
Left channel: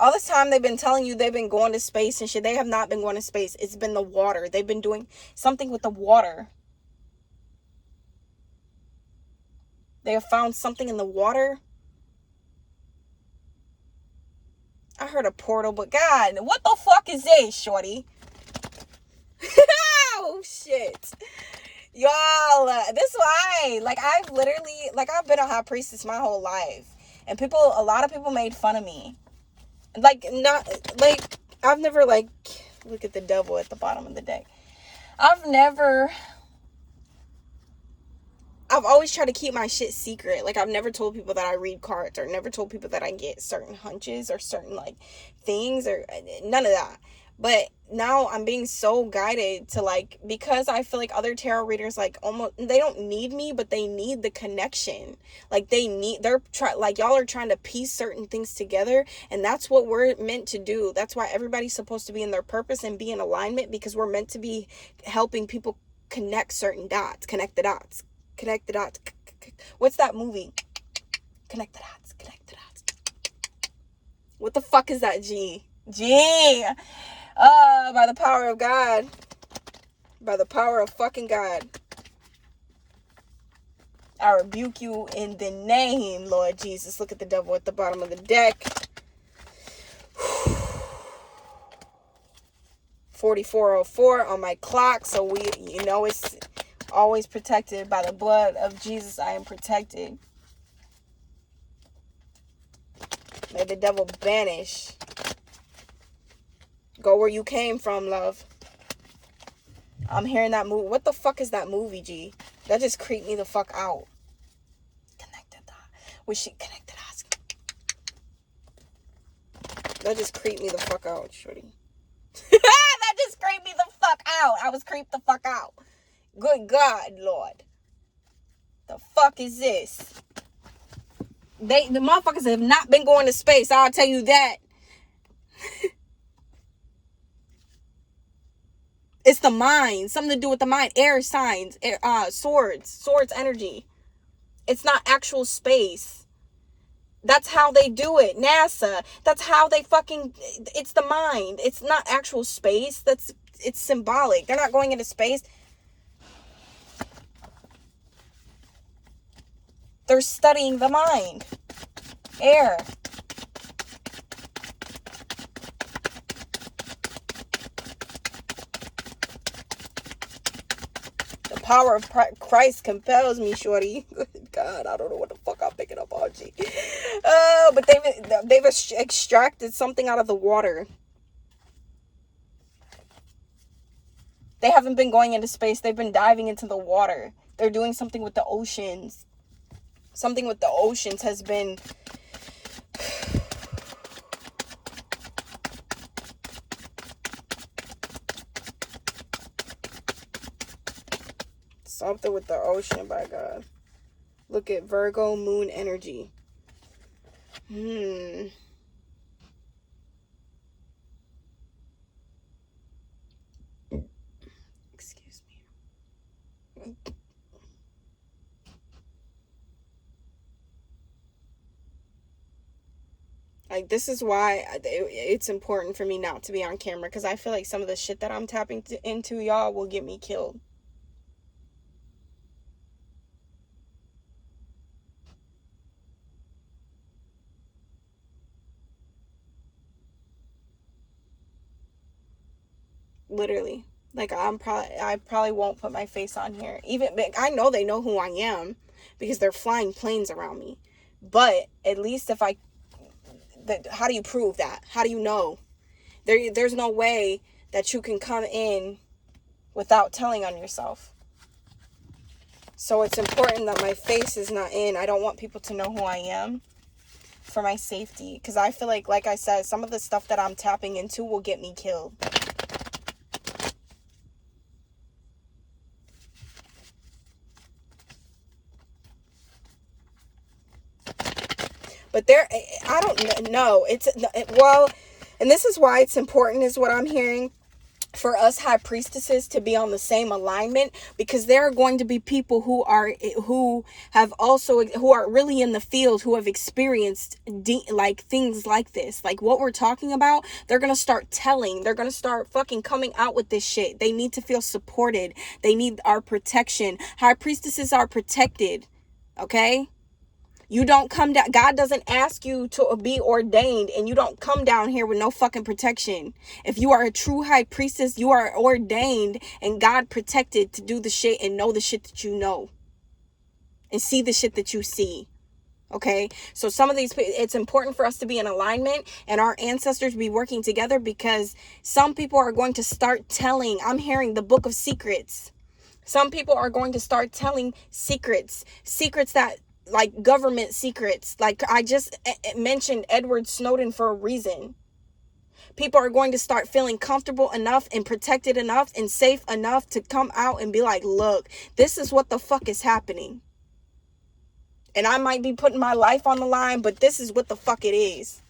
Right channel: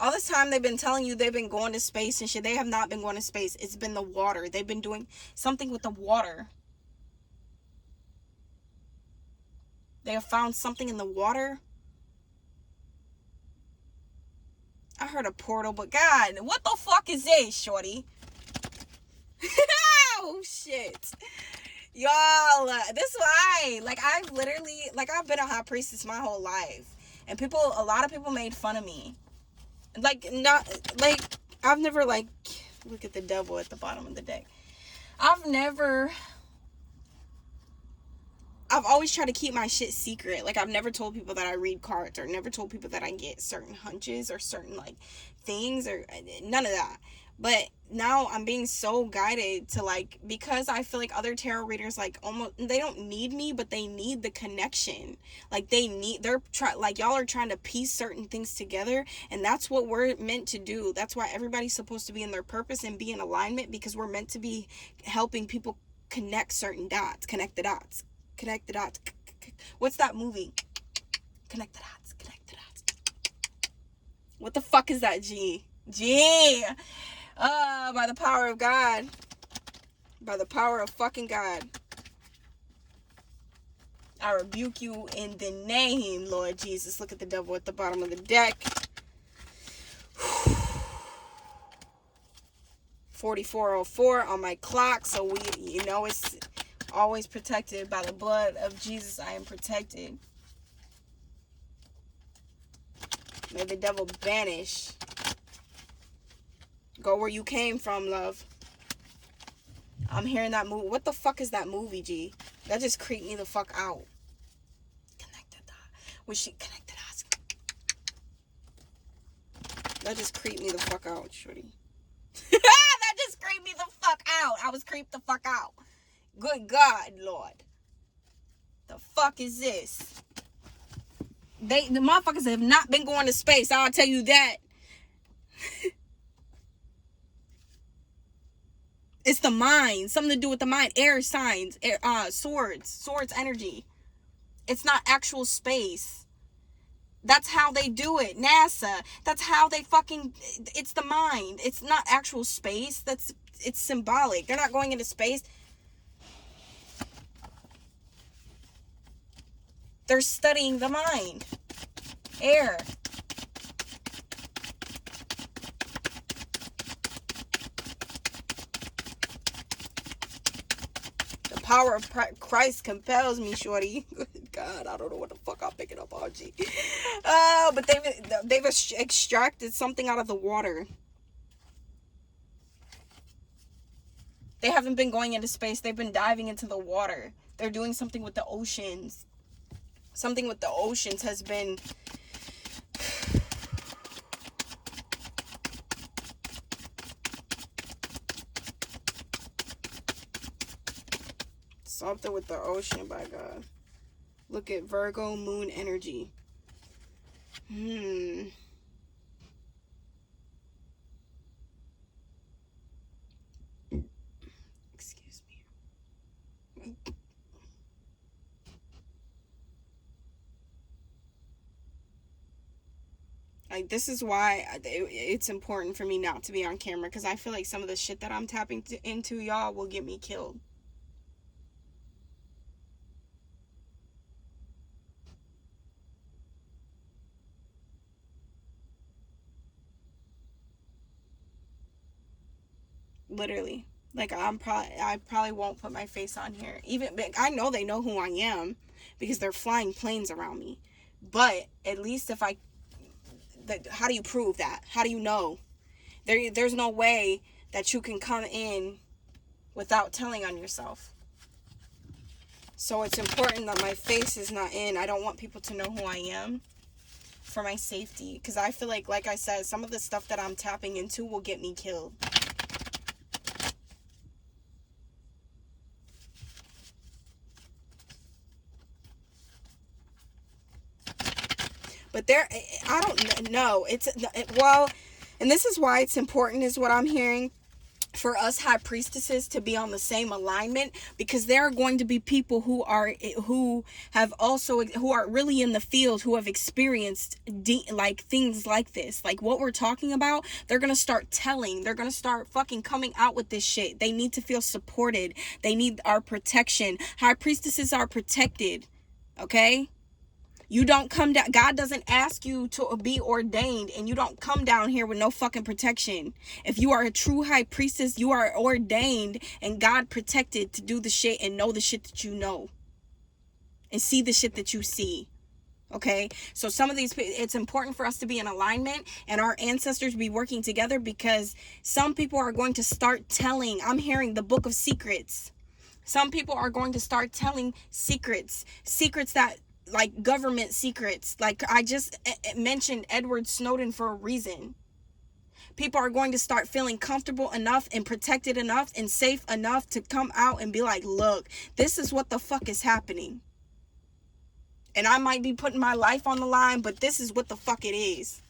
All this time they've been telling you they've been going to space and shit. They have not been going to space. It's been the water. They've been doing something with the water. They have found something in the water. I heard a portal, but God, what the fuck is this, shorty? Oh, shit. Y'all, this why, like, I've been a high priestess my whole life. And a lot of people made fun of me. Like, not, like, I've never, like, look at the devil at the bottom of the deck. I've always tried to keep my shit secret. Like, I've never told people that I read cards, or never told people that I get certain hunches or certain, like, things, or none of that. But now I'm being so guided to, like, because I feel like other tarot readers, like, almost, they don't need me, but they need the connection. Like, y'all are trying to piece certain things together, and that's what we're meant to do. That's why everybody's supposed to be in their purpose and be in alignment, because we're meant to be helping people connect certain dots, connect the dots. What's that movie? Connect the dots. What the fuck is that, G? By the power of God. By the power of fucking God. I rebuke you in the name, Lord Jesus. Look at the devil at the bottom of the deck. 44:04 on my clock, so it's always protected by the blood of Jesus. I am protected. May the devil banish. Go where you came from, love. I'm hearing that movie. What the fuck is that movie, G? That just creeped me the fuck out. Connected that. Was she connected us? That just creeped me the fuck out, shorty. That just creeped me the fuck out. I was creeped the fuck out. Good God, Lord. The fuck is this? The motherfuckers have not been going to space. I'll tell you that. It's the mind. Something to do with the mind. Air signs. Swords energy. It's not actual space. That's how they do it. NASA. That's how they fucking... It's the mind. It's not actual space. It's symbolic. They're not going into space. They're studying the mind. Air. The power of Christ compels me, shorty. God, I don't know what the fuck I'm picking up on, G. But they've extracted something out of the water. They haven't been going into space. They've been diving into the water. They're doing something with the oceans. Something with the oceans has been... Something with the ocean, by God. Look at Virgo moon energy. Like, this is why it's important for me not to be on camera, because I feel like some of the shit that I'm tapping into, y'all, will get me killed. Literally. Like, I probably won't put my face on here. Even, I know they know who I am because they're flying planes around me. But at least if how do you prove that? How do you know? There's no way that you can come in without telling on yourself. So it's important that my face is not in. I don't want people to know who I am for my safety. Because I feel like I said, some of the stuff that I'm tapping into will get me killed. But I don't know. Well, and this is why it's important, is what I'm hearing, for us high priestesses to be on the same alignment, because there are going to be people who are really in the field, who have experienced like things like this, like what we're talking about. They're gonna start fucking coming out with this shit. They need to feel supported. They need our protection. High priestesses are protected, okay? You don't come down. God doesn't ask you to be ordained, and you don't come down here with no fucking protection. If you are a true high priestess, you are ordained and God protected to do the shit and know the shit that you know and see the shit that you see. Okay? So some of these, it's important for us to be in alignment and our ancestors be working together, because some people are going to start telling. I'm hearing the book of secrets. Some people are going to start telling secrets that, like, government secrets. Like I just mentioned Edward Snowden for a reason. People are going to start feeling comfortable enough and protected enough and safe enough to come out and be like, look, this is what the fuck is happening. And I might be putting my life on the line, but this is what the fuck it is.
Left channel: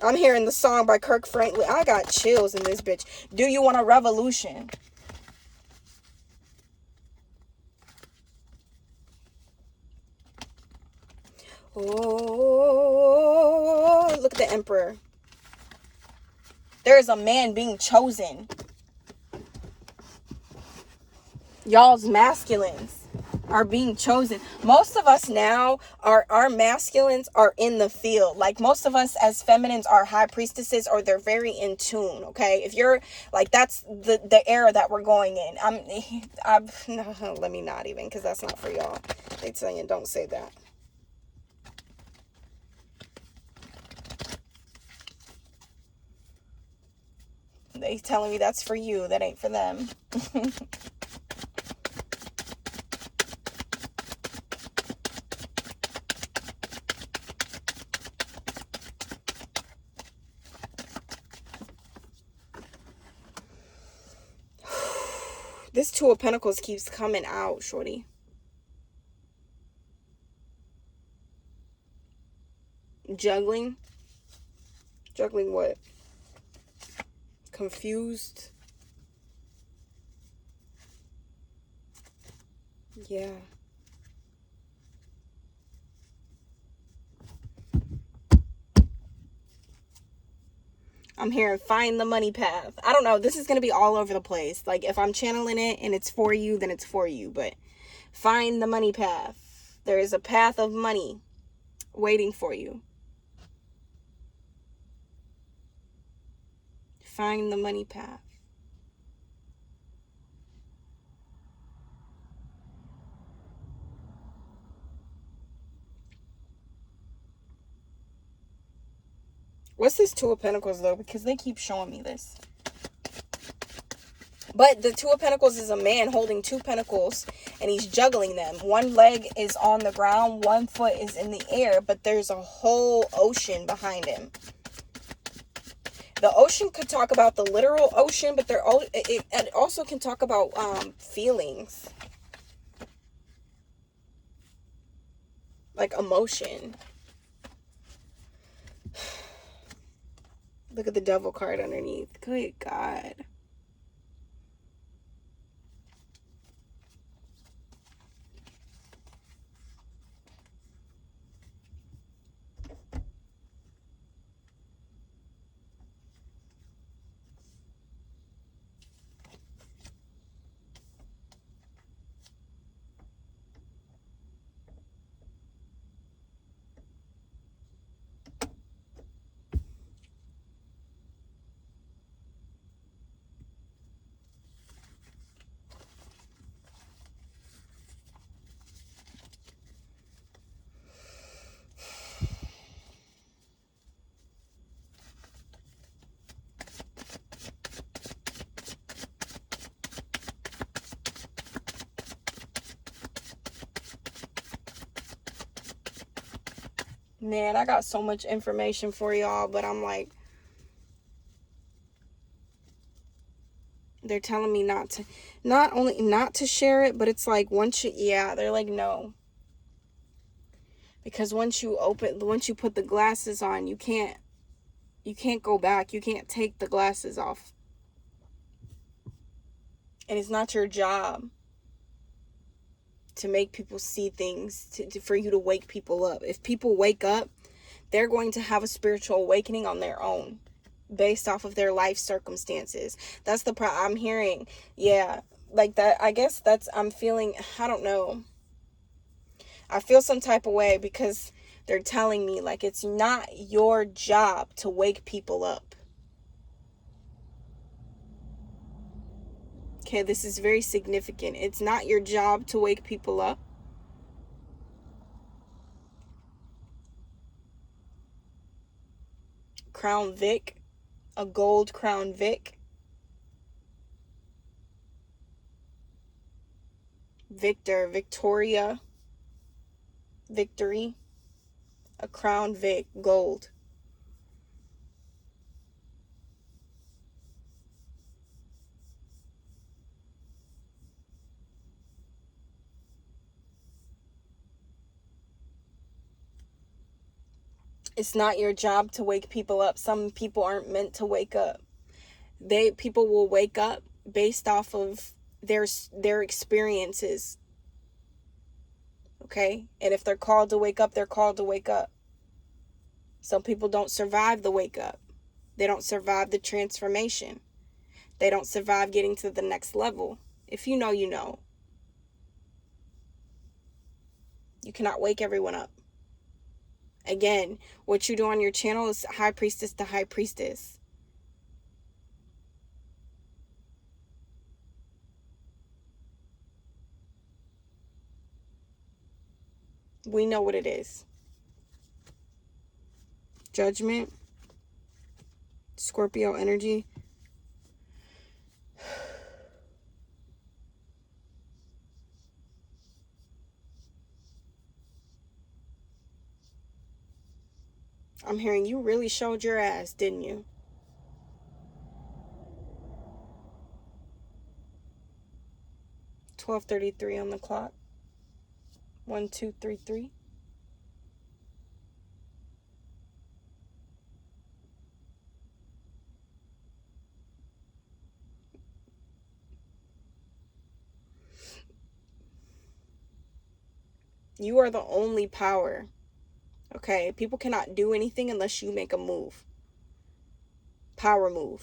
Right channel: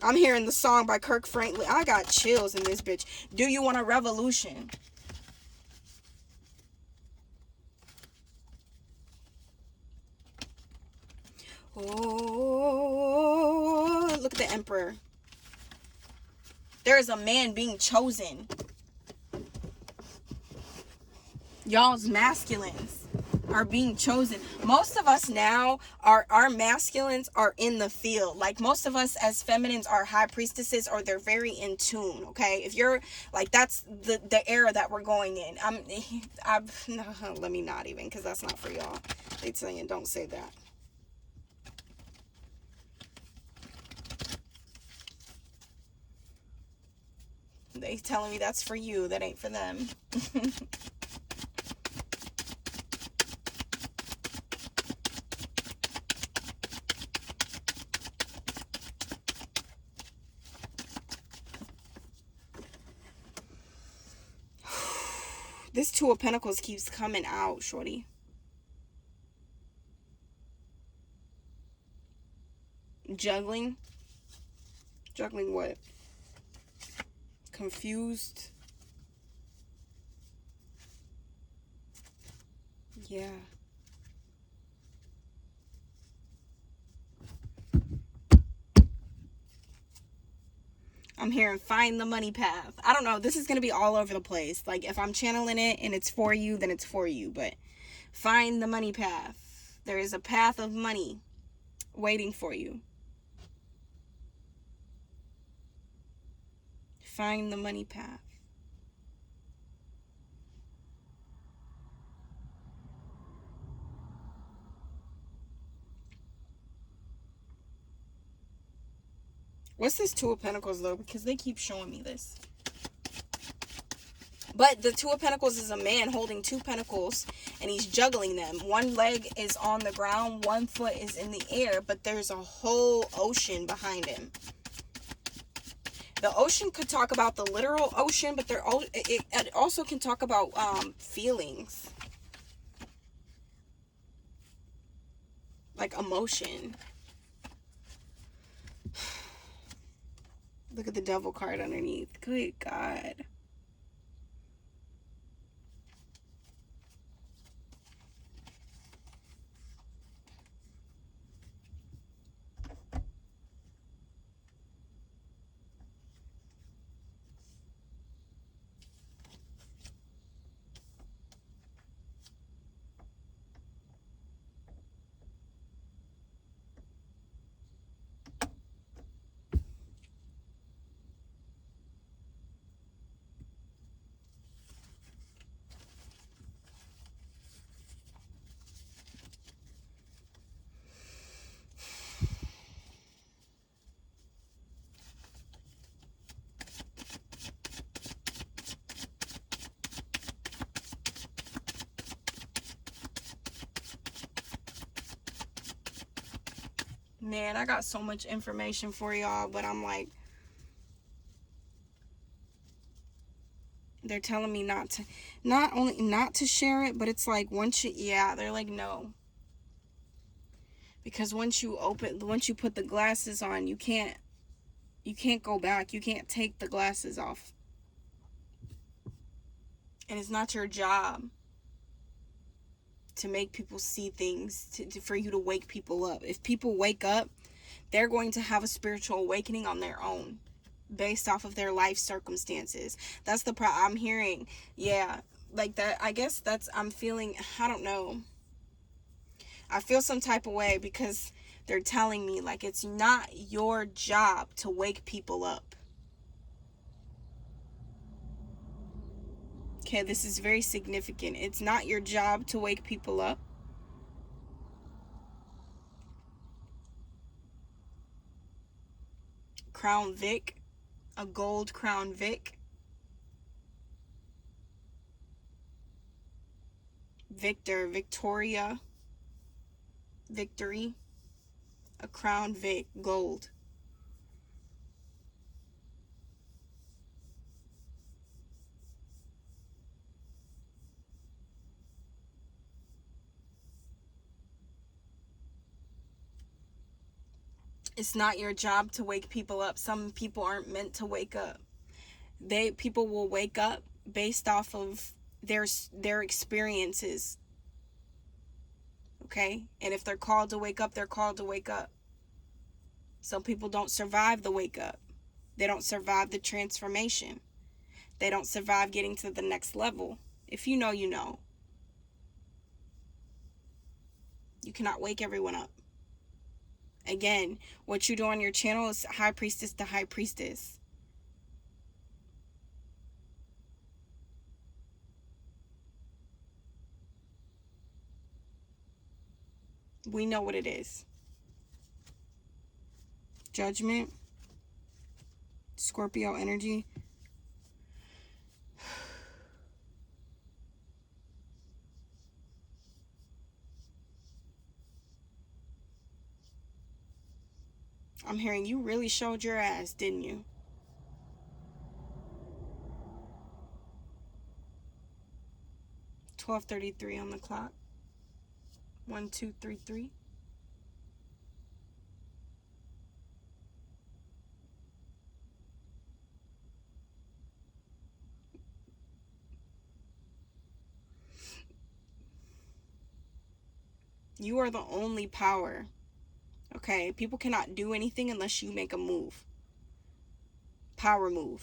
I'm hearing the song by Kirk Franklin. I got chills in this bitch. Do you want a revolution? Oh, look at the Emperor. There is a man being chosen. Y'all's masculines are being chosen. Most of us now, our masculines are in the field. Like, most of us as feminines are high priestesses, or they're very in tune, okay? If you're like, that's the era that we're going in. Let me not even, because that's not for y'all. They tell you don't say that. They telling me that's for you. That ain't for them. This Two of Pentacles keeps coming out, shorty. Juggling. Juggling what? Confused. Yeah. I'm hearing find the money path. I don't know. This is going to be all over the place. Like, if I'm channeling it and it's for you, then it's for you. But find the money path. There is a path of money waiting for you. Find the money path. What's this Two of Pentacles, though? Because they keep showing me this. But the Two of Pentacles is a man holding two pentacles, and he's juggling them. One leg is on the ground, one foot is in the air, but there's a whole ocean behind him. The ocean could talk about the literal ocean, but it also can talk about feelings. Like emotion. Look at the Devil card underneath. Good God. Man, I got so much information for y'all, but I'm like, they're telling me not only not to share it, but it's like they're like, no. Because once you put the glasses on, you can't go back. You can't take the glasses off. And it's not your job to make people see things, for you to wake people up. If people wake up, they're going to have a spiritual awakening on their own, based off of their life circumstances. That's the I'm hearing. Yeah, like that. I guess I'm feeling, I don't know. I feel some type of way because they're telling me like it's not your job to wake people up. Okay, this is very significant. It's not your job to wake people up. Crown Vic, a gold Crown Vic. Victor, Victoria, victory, a Crown Vic, gold. It's not your job to wake people up. Some people aren't meant to wake up. People will wake up based off of their experiences. Okay? And if they're called to wake up, they're called to wake up. Some people don't survive the wake up. They don't survive the transformation. They don't survive getting to the next level. If you know, you know. You cannot wake everyone up. Again, what you do on your channel is High Priestess to High Priestess. We know what it is. Judgment. Scorpio energy. I'm hearing you really showed your ass, didn't you? $12:33 on the clock. 1, 2, 3, 3. You are the only power. Okay? People cannot do anything unless you make a move. Power move.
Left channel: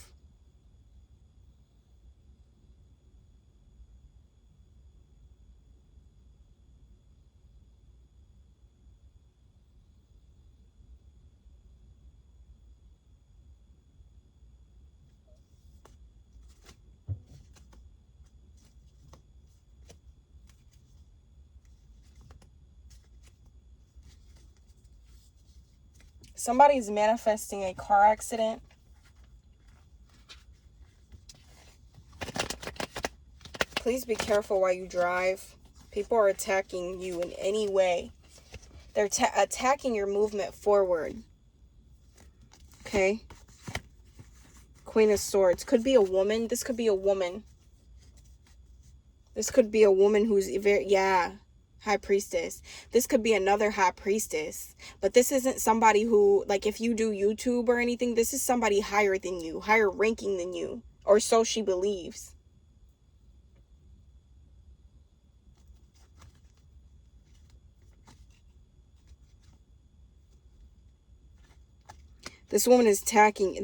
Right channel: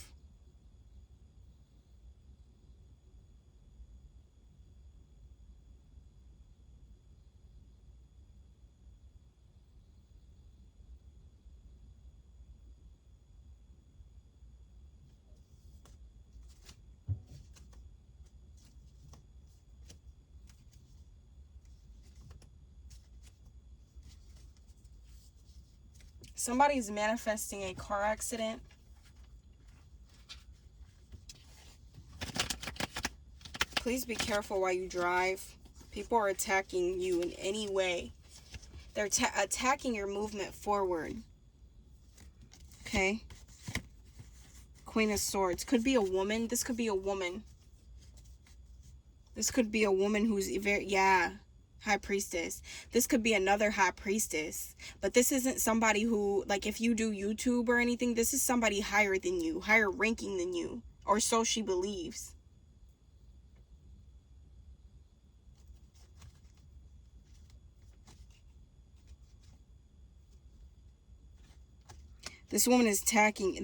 Somebody's manifesting a car accident. Please be careful while you drive. People are attacking you in any way. They're attacking your movement forward. Okay? Queen of Swords. Could be a woman. This could be a woman. This could be a woman who's very, High Priestess. This could be another High Priestess. But this isn't somebody who, like, if you do YouTube or anything, this is somebody higher than you, higher ranking than you. Or so she believes. This woman is attacking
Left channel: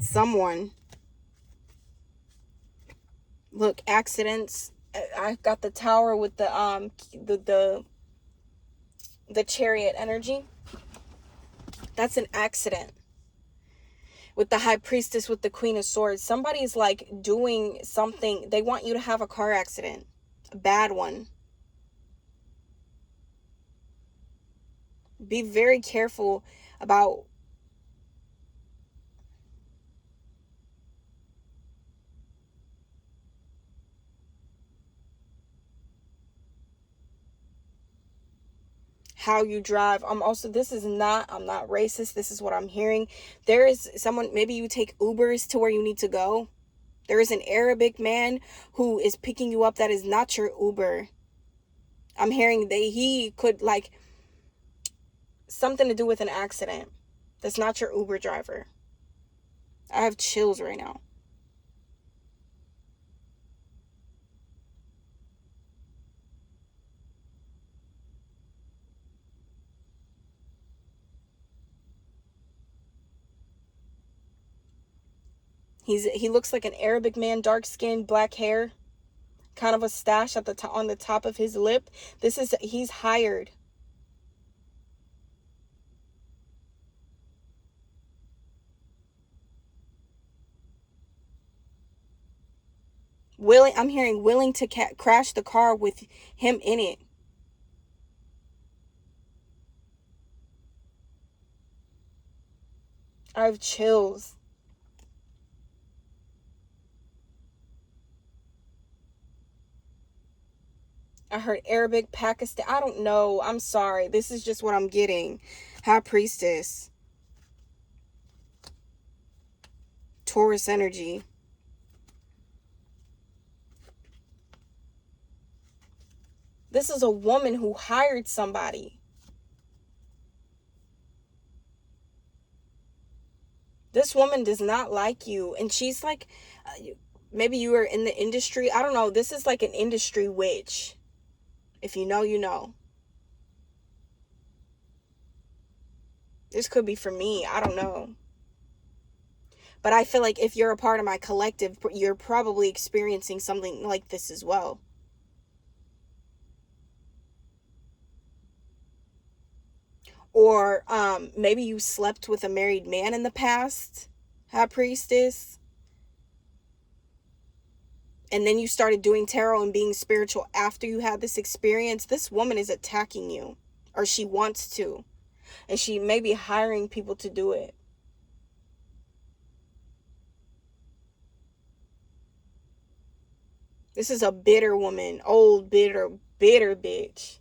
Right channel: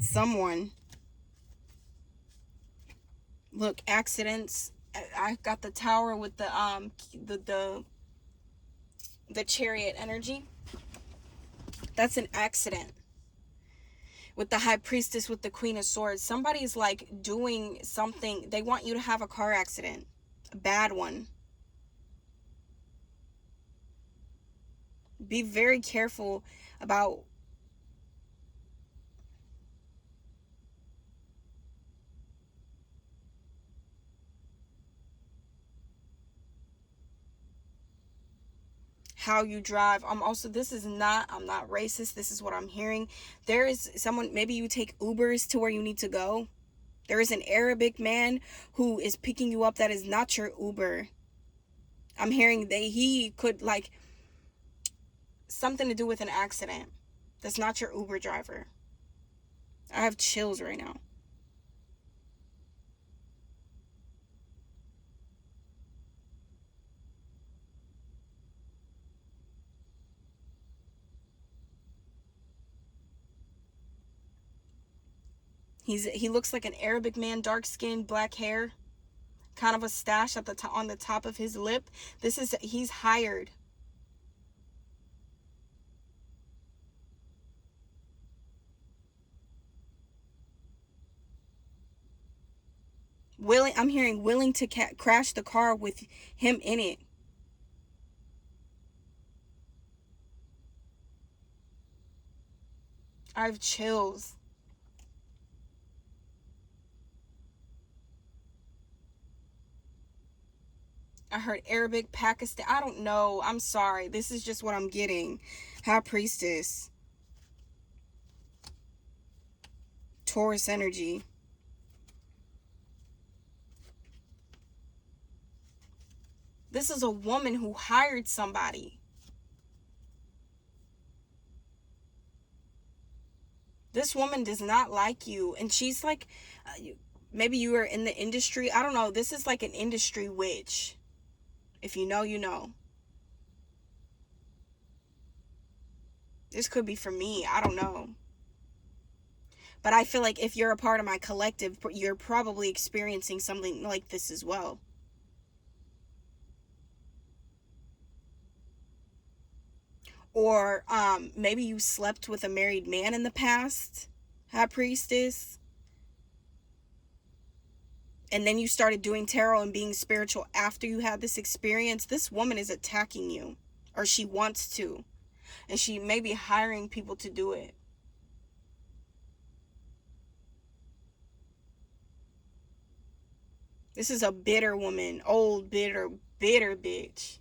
someone. Look, accidents. I got the Tower with the Chariot energy. That's an accident. With the High Priestess with the Queen of Swords, somebody's like doing something. They want you to have a car accident, a bad one. Be very careful about how you drive. I'm not racist. This is what I'm hearing. There is someone, maybe you take Ubers to where you need to go. There is an Arabic man who is picking you up that is not your Uber. I'm hearing that he could, like, something to do with an accident. That's not your Uber driver. I have chills right now. He looks like an Arabic man, dark skin, black hair, kind of a stash at the on the top of his lip. He's hired. I'm hearing willing to crash the car with him in it. I have chills. I heard Arabic, Pakistan. I don't know. I'm sorry. This is just what I'm getting. High Priestess. Taurus energy. This is a woman who hired somebody. This woman does not like you. And she's like, maybe you are in the industry. I don't know. This is like an industry witch. If you know, you know. This could be for me. I don't know. But I feel like if you're a part of my collective, you're probably experiencing something like this as well. Or maybe you slept with a married man in the past, High Priestess. And then you started doing tarot and being spiritual after you had this experience. This woman is attacking you. Or she wants to. And she may be hiring people to do it. This is a bitter woman. Old, bitter bitch.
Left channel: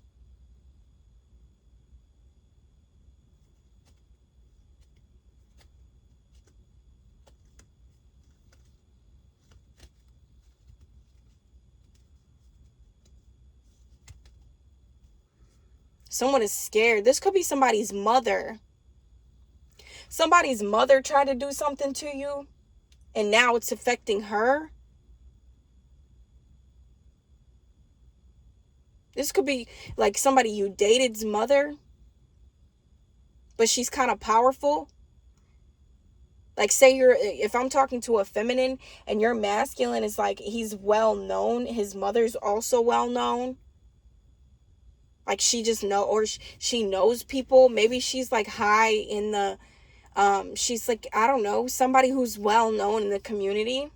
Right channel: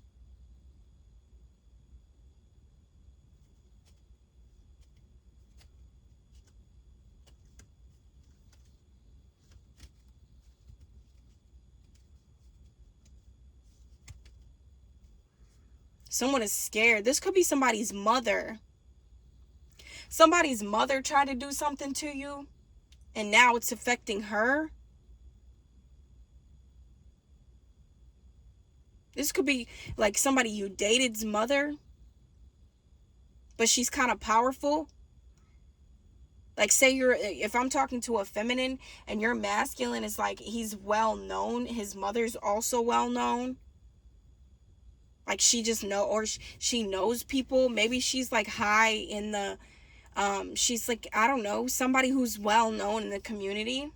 Someone is scared. This could be somebody's mother. Somebody's mother tried to do something to you, and now it's affecting her. This could be like somebody you dated's mother, but she's kind of powerful. Like, say if I'm talking to a feminine and your masculine is like, he's well known, his mother's also well known. Like, she just or she knows people. Maybe she's like high in the, she's like, I don't know, somebody who's well known in the community.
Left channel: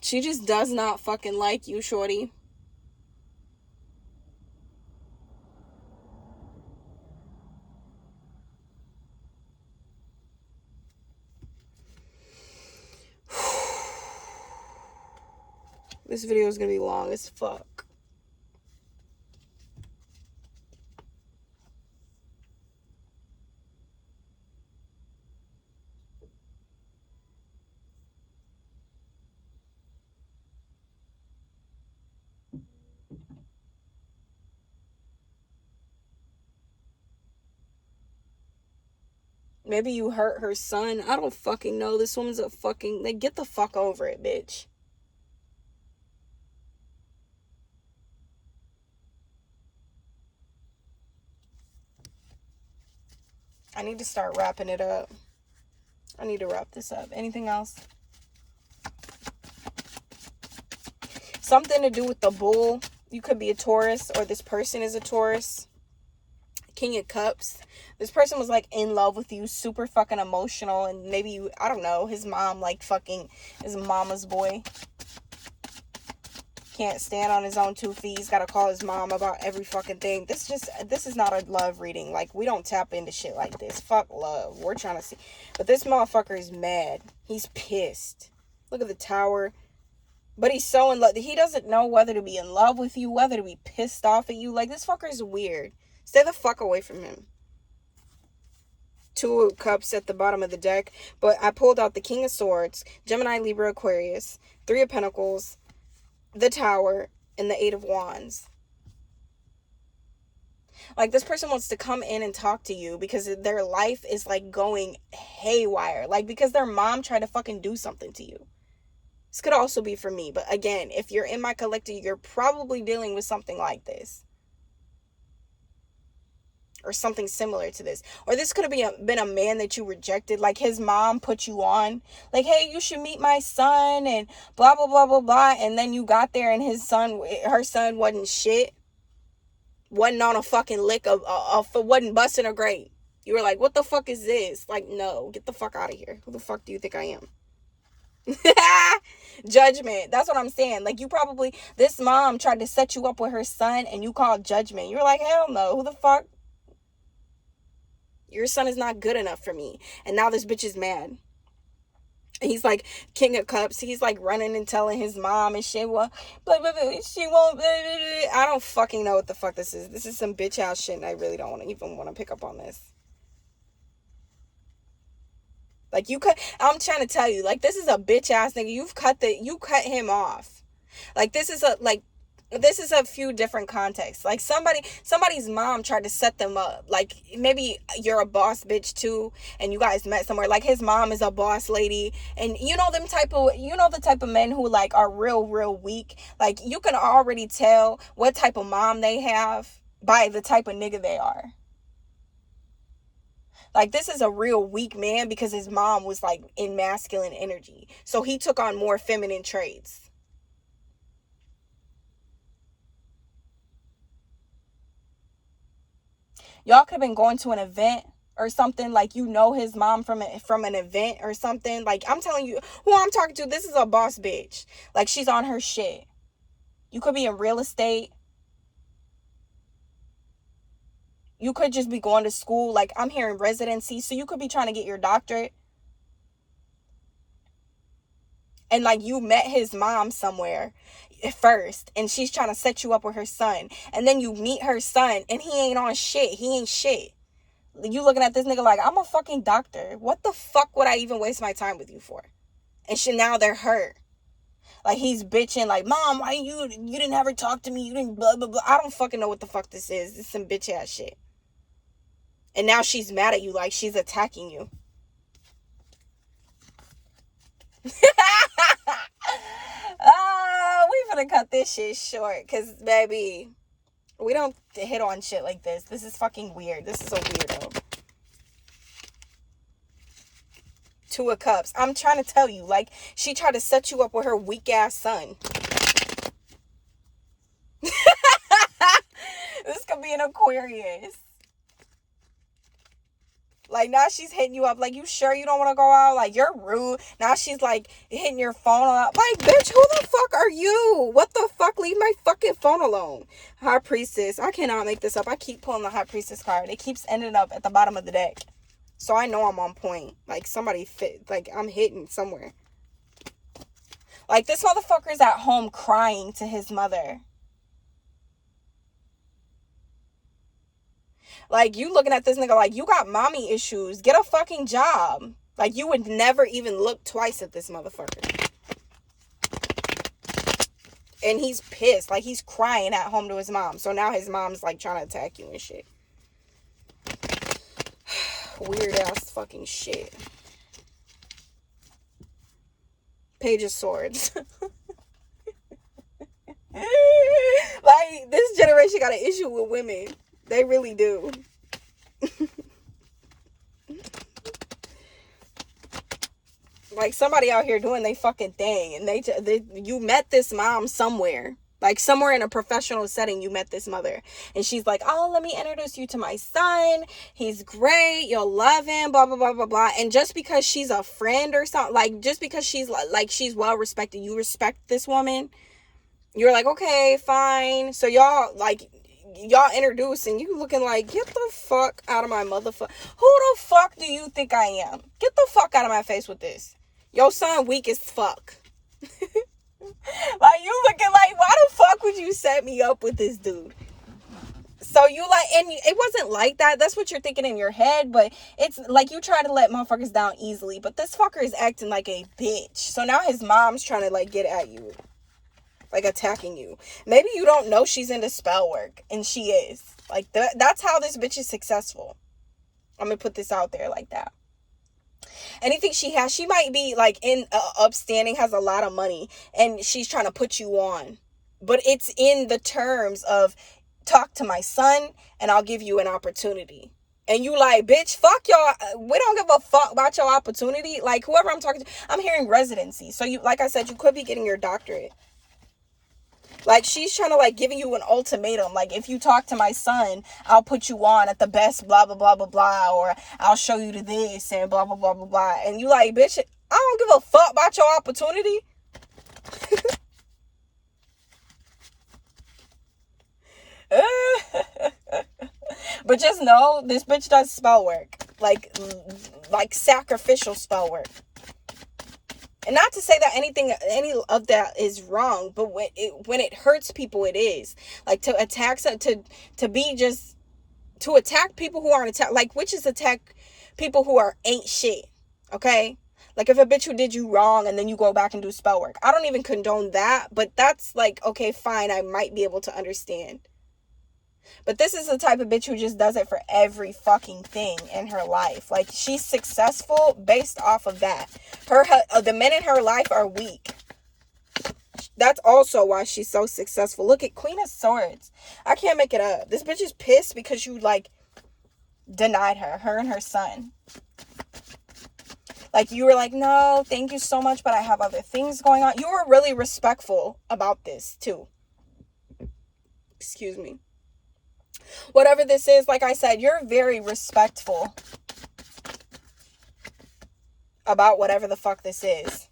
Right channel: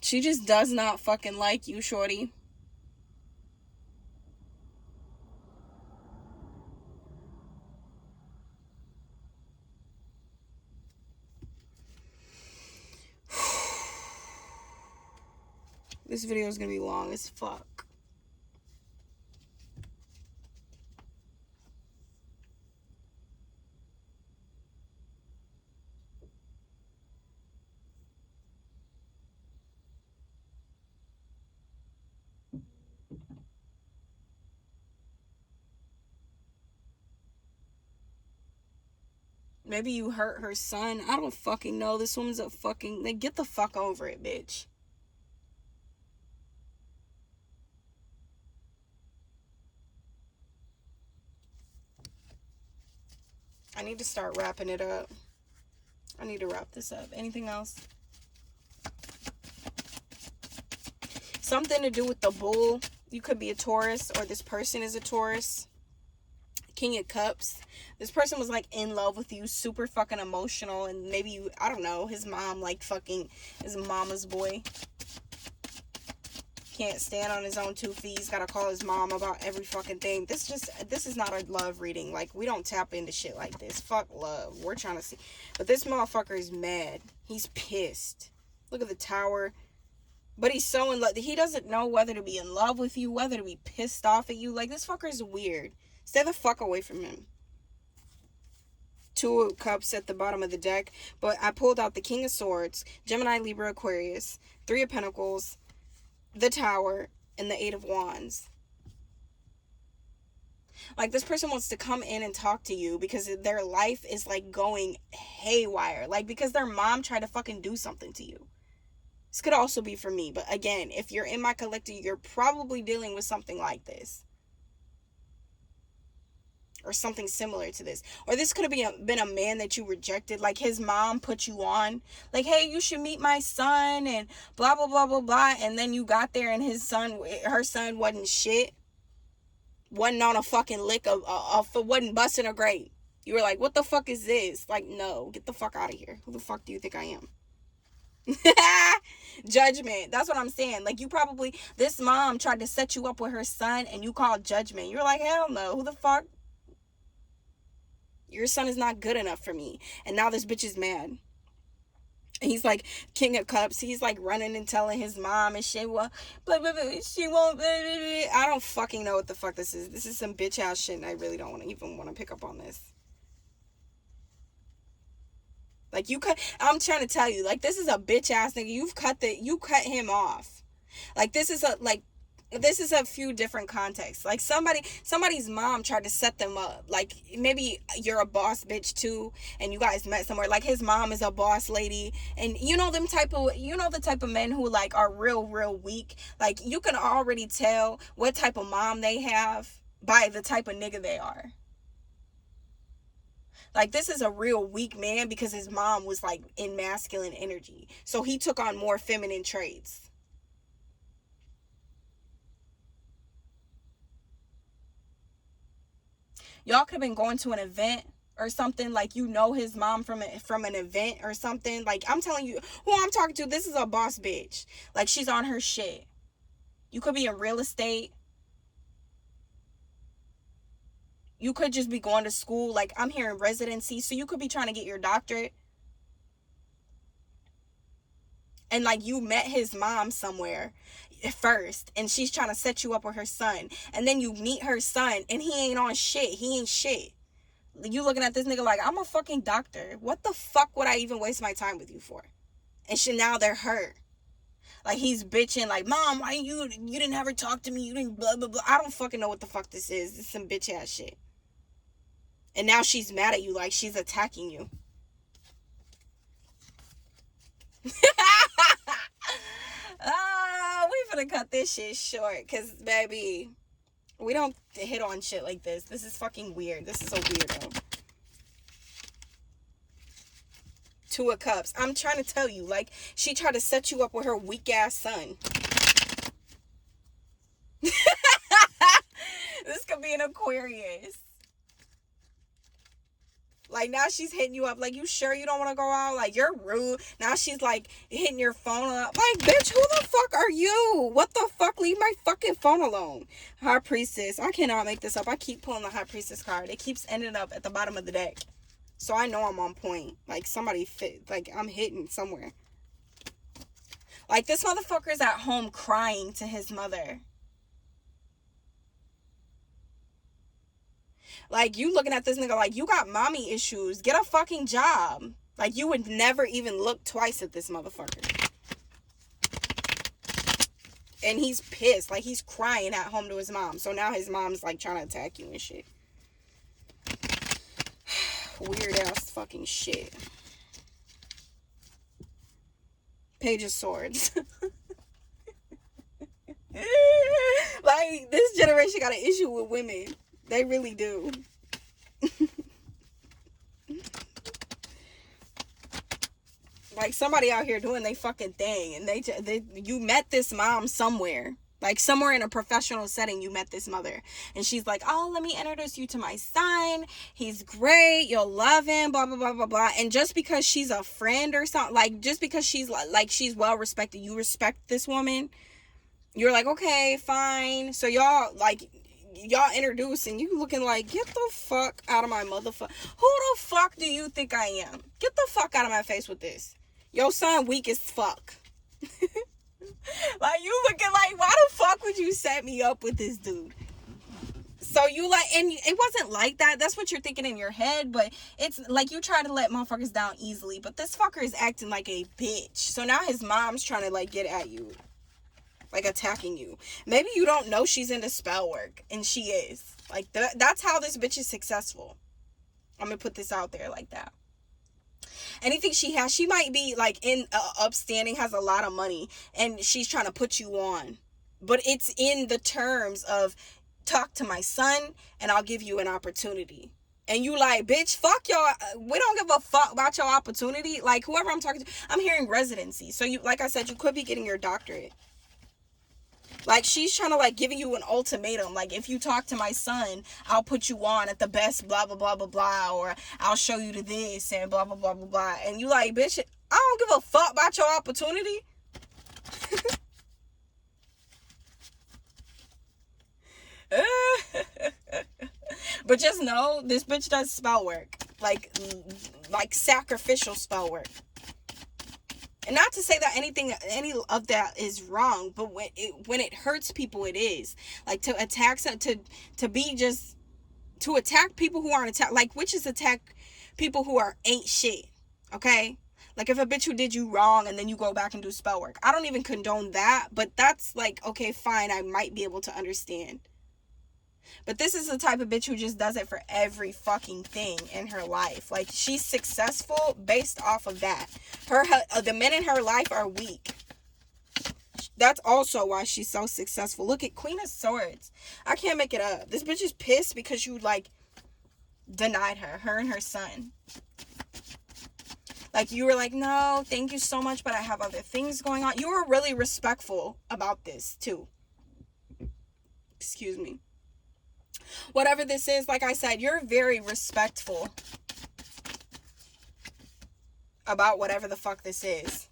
She just does not fucking like you, shorty. This video is gonna be long as fuck. Maybe you hurt her son. I don't fucking know. This woman's a fucking... Like, get the fuck over it, bitch. I need to start wrapping it up. I need to wrap this up. Anything else? Something to do with the bull. You could be a Taurus, or this person is a Taurus. King of Cups. This person was like in love with you, super fucking emotional, and maybe you, I don't know, his mom like fucking his mama's boy. can't stand on his own 2 feet. He's got to call his mom about every fucking thing. This is not a love reading. Like, we don't tap into shit like this. Fuck love. We're trying to see. But this motherfucker is mad. He's pissed. Look at the tower. But he's so in love. He doesn't know whether to be in love with you, whether to be pissed off at you. Like, this fucker is weird. Stay the fuck away from him. 2 of Cups at the bottom of the deck. But I pulled out the King of Swords, Gemini, Libra, Aquarius, 3 of Pentacles, the Tower, and the 8 of Wands. Like, this person wants to come in and talk to you because their life is, like, going haywire. Like, because their mom tried to fucking do something to you. This could also be for me. But, again, if you're in my collective, you're probably dealing with something like this. Or something similar to this. Or this could have been a man that you rejected. Like, his mom put you on. Like, hey, you should meet my son. And blah, blah, blah, blah, blah. And then you got there and her son wasn't shit. Wasn't on a fucking lick wasn't busting a grape. You were like, what the fuck is this? Like, no, get the fuck out of here. Who the fuck do you think I am? Judgment. That's what I'm saying. Like, this mom tried to set you up with her son and you called judgment. You're like, hell no. Who the fuck? Your son is not good enough for me. And now this bitch is mad. And he's like, King of Cups. He's like running and telling his mom and shit. Well, blah, blah, blah, she won't. Blah, blah, blah. I don't fucking know what the fuck this is. This is some bitch ass shit. And I really don't even want to pick up on this. Like, I'm trying to tell you, like, this is a bitch ass nigga. You cut him off. Like, this is a few different contexts. Like, somebody's mom tried to set them up. Like, maybe you're a boss bitch too, and you guys met somewhere. Like, his mom is a boss lady, and you know the type of men who, like, are real weak. Like, you can already tell what type of mom they have by the type of nigga they are. Like, this is a real weak man because his mom was, like, in masculine energy. So he took on more feminine traits. Y'all could have been going to an event or something. Like, you know his mom from an event or something. Like, I'm telling you, who I'm talking to, this is a boss bitch. Like, she's on her shit. You could be in real estate. You could just be going to school. Like, I'm here in residency, so you could be trying to get your doctorate. And, like, you met his mom somewhere first, and she's trying to set you up with her son. And then you meet her son, and he ain't on shit. He ain't shit. You looking at this nigga like, I'm a fucking doctor. What the fuck would I even waste my time with you for? And now they're hurt. Like, he's bitching, like, Mom, why you didn't ever talk to me? You didn't blah, blah, blah. I don't fucking know what the fuck this is. This is some bitch ass shit. And now she's mad at you, like she's attacking you. We finna cut this shit short. Because, baby, we don't hit on shit like this. This is fucking weird. This is a weirdo. 2 of Cups. I'm trying to tell you, like, she tried to set you up with her weak ass son. This could be an Aquarius. Like, now she's hitting you up. Like, you sure you don't want to go out? Like, you're rude. Now she's, like, hitting your phone up. Like, bitch, who the fuck are you? What the fuck? Leave my fucking phone alone. High Priestess. I cannot make this up. I keep pulling the High Priestess card. It keeps ending up at the bottom of the deck. So I know I'm on point. Like, somebody fit. Like, I'm hitting somewhere. Like, this motherfucker's at home crying to his mother. Like, you looking at this nigga like, you got mommy issues. Get a fucking job. Like, you would never even look twice at this motherfucker. And he's pissed. Like, he's crying at home to his mom. So now his mom's, like, trying to attack you and shit. Weird ass fucking shit. Page of Swords. Like, this generation got an issue with women. They really do. Like, somebody out here doing they fucking thing. And you met this mom somewhere. Like, somewhere in a professional setting, you met this mother. And she's like, oh, let me introduce you to my son. He's great. You'll love him. Blah, blah, blah, blah, blah. And just because she's a friend or something, like, just because she's, like, she's well respected, you respect this woman. You're like, okay, fine. So y'all introduce and you looking like, get the fuck out of my motherfucker. Who the fuck do you think I am? Get the fuck out of my face with this. Your son weak as fuck. Like, you looking like, why the fuck would you set me up with this dude? So you like, and it wasn't like that. That's what you're thinking in your head, but it's like you try to let motherfuckers down easily. But this fucker is acting like a bitch. So now his mom's trying to like get at you, like attacking you. Maybe you don't know she's into spell work, and she is. Like that's how this bitch is successful. I'm gonna put this out there like that. Anything she has, she might be like in upstanding, has a lot of money, and she's trying to put you on. But it's in the terms of, talk to my son and I'll give you an opportunity. And you like, bitch, fuck y'all. We don't give a fuck about your opportunity. Like, whoever I'm talking to, I'm hearing residency. So you, like I said, you could be getting your doctorate. Like, she's trying to like giving you an ultimatum. Like, if you talk to my son, I'll put you on at the best, blah, blah, blah, blah, blah. Or I'll show you to this and blah, blah, blah, blah, blah. And you like, bitch, I don't give a fuck about your opportunity. But just know, this bitch does spell work. Like sacrificial spell work. And not to say that any of that is wrong, but when it hurts people, it is. Like, to attack, to attack people who aren't attack, like witches attack people who ain't shit. Okay? Like, if a bitch who did you wrong and then you go back and do spell work. I don't even condone that, but that's like, okay, fine, I might be able to understand. But this is the type of bitch who just does it for every fucking thing in her life. Like, she's successful based off of that. The men in her life are weak. That's also why she's so successful. Look at Queen of Swords. I can't make it up. This bitch is pissed because you, like, denied her and her son. Like, you were like, no, thank you so much, but I have other things going on. You were really respectful about this, too. Excuse me. Whatever this is, like I said, you're very respectful about whatever the fuck this is.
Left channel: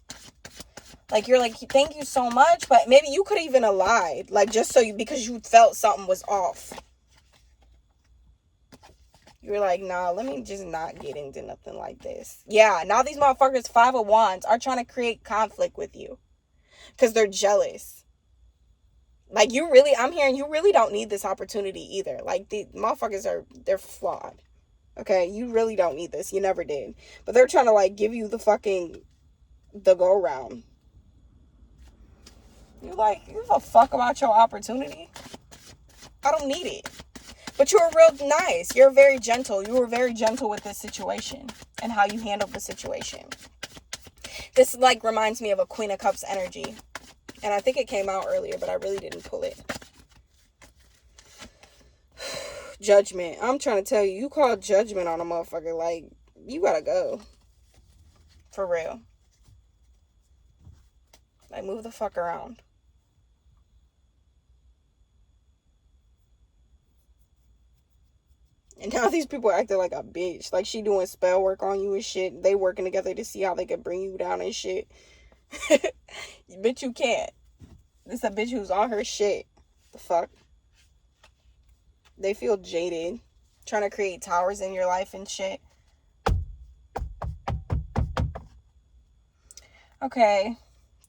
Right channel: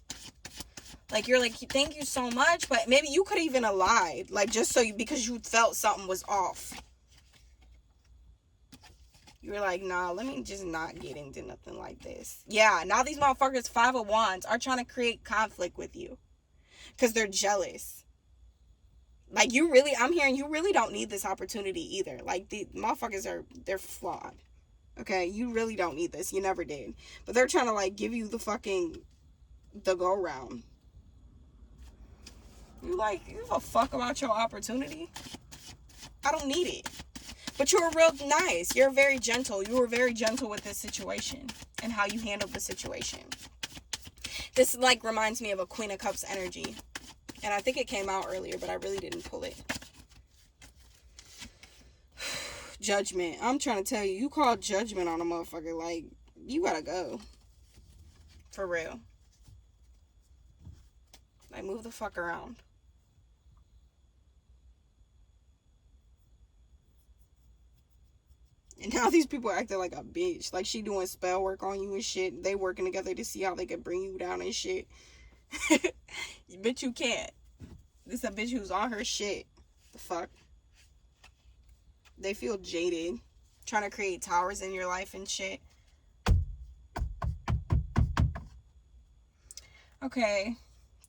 Like, you're like, thank you so much, but maybe you could even have lied, like, just so because you felt something was off. You were like, nah, let me just not get into nothing like this. Yeah, now these motherfuckers, 5 of Wands, are trying to create conflict with you because they're jealous. Like, I'm hearing you really don't need this opportunity either. Like, the motherfuckers they're flawed. Okay, you really don't need this. You never did. But they're trying to, like, give you the go round. You like, you give a fuck about your opportunity? I don't need it. But you were real nice. You're very gentle. You were very gentle with this situation and how you handled the situation. This, like, reminds me of a Queen of Cups energy. And I think it came out earlier, but I really didn't pull it. Judgment. I'm trying to tell you, you call judgment on a motherfucker, like, you gotta go. For real. Like, move the fuck around. And now these people are acting like a bitch. Like, she doing spell work on you and shit. They working together to see how they can bring you down and shit. Bitch, you can't. This a bitch who's on her shit. The fuck? They feel jaded. Trying to create towers in your life and shit. Okay. I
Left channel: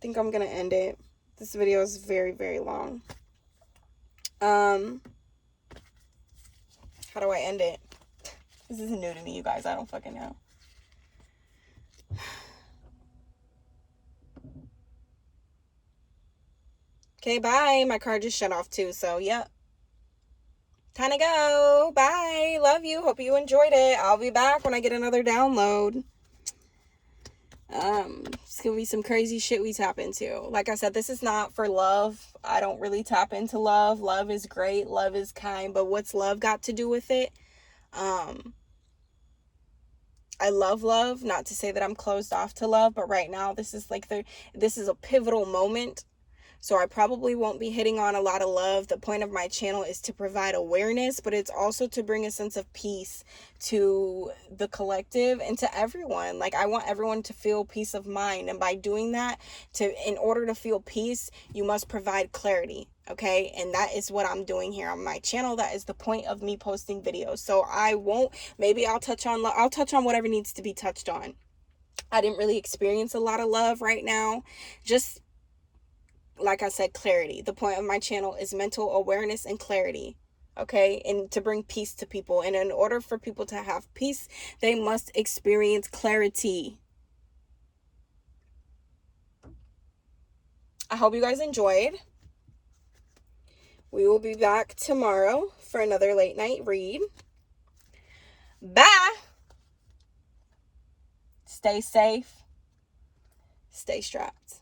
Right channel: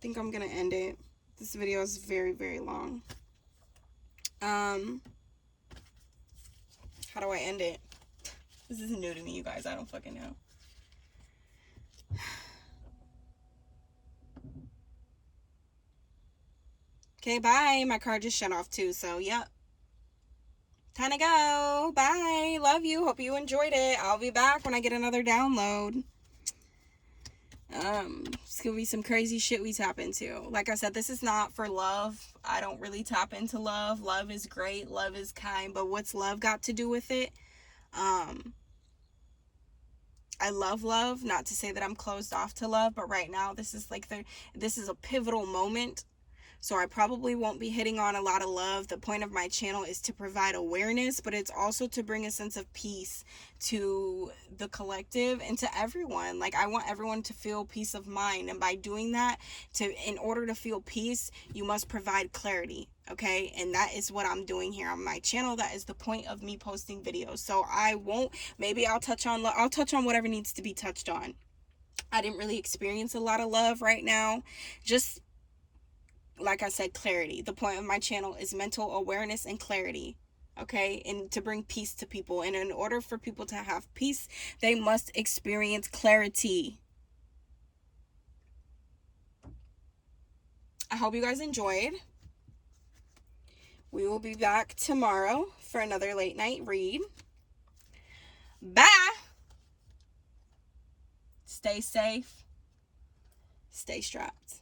think I'm gonna end it. This video is very, very long. How do I end it? This is new to me, you guys. I don't fucking know. Okay, bye. My car just shut off too, so yep. Time to go. Bye. Love you. Hope you enjoyed it. I'll be back when I get another download. It's gonna be some crazy shit we tap into. Like I said, this is not for love. I don't really tap into love. Love is great. Love is kind. But what's love got to do with it? I love love. Not to say that I'm closed off to love, but right now this is like this is a pivotal moment So I probably won't be hitting on a lot of love. The point of my channel is to provide awareness, but it's also to bring a sense of peace to the collective and to everyone. Like, I want everyone to feel peace of mind. And by doing that, in order to feel peace, you must provide clarity. Okay, and that is what I'm doing here on my channel. That is the point of me posting videos. So I won't, maybe I'll touch on whatever needs to be touched on. I didn't really experience a lot of love right now. Just like I said, clarity. The point of my channel is mental awareness and clarity. Okay, and to bring peace to people. And in order for people to have peace, they must experience clarity. I hope you guys enjoyed. We will be back tomorrow for another late night read. Bye. Stay safe. Stay strapped.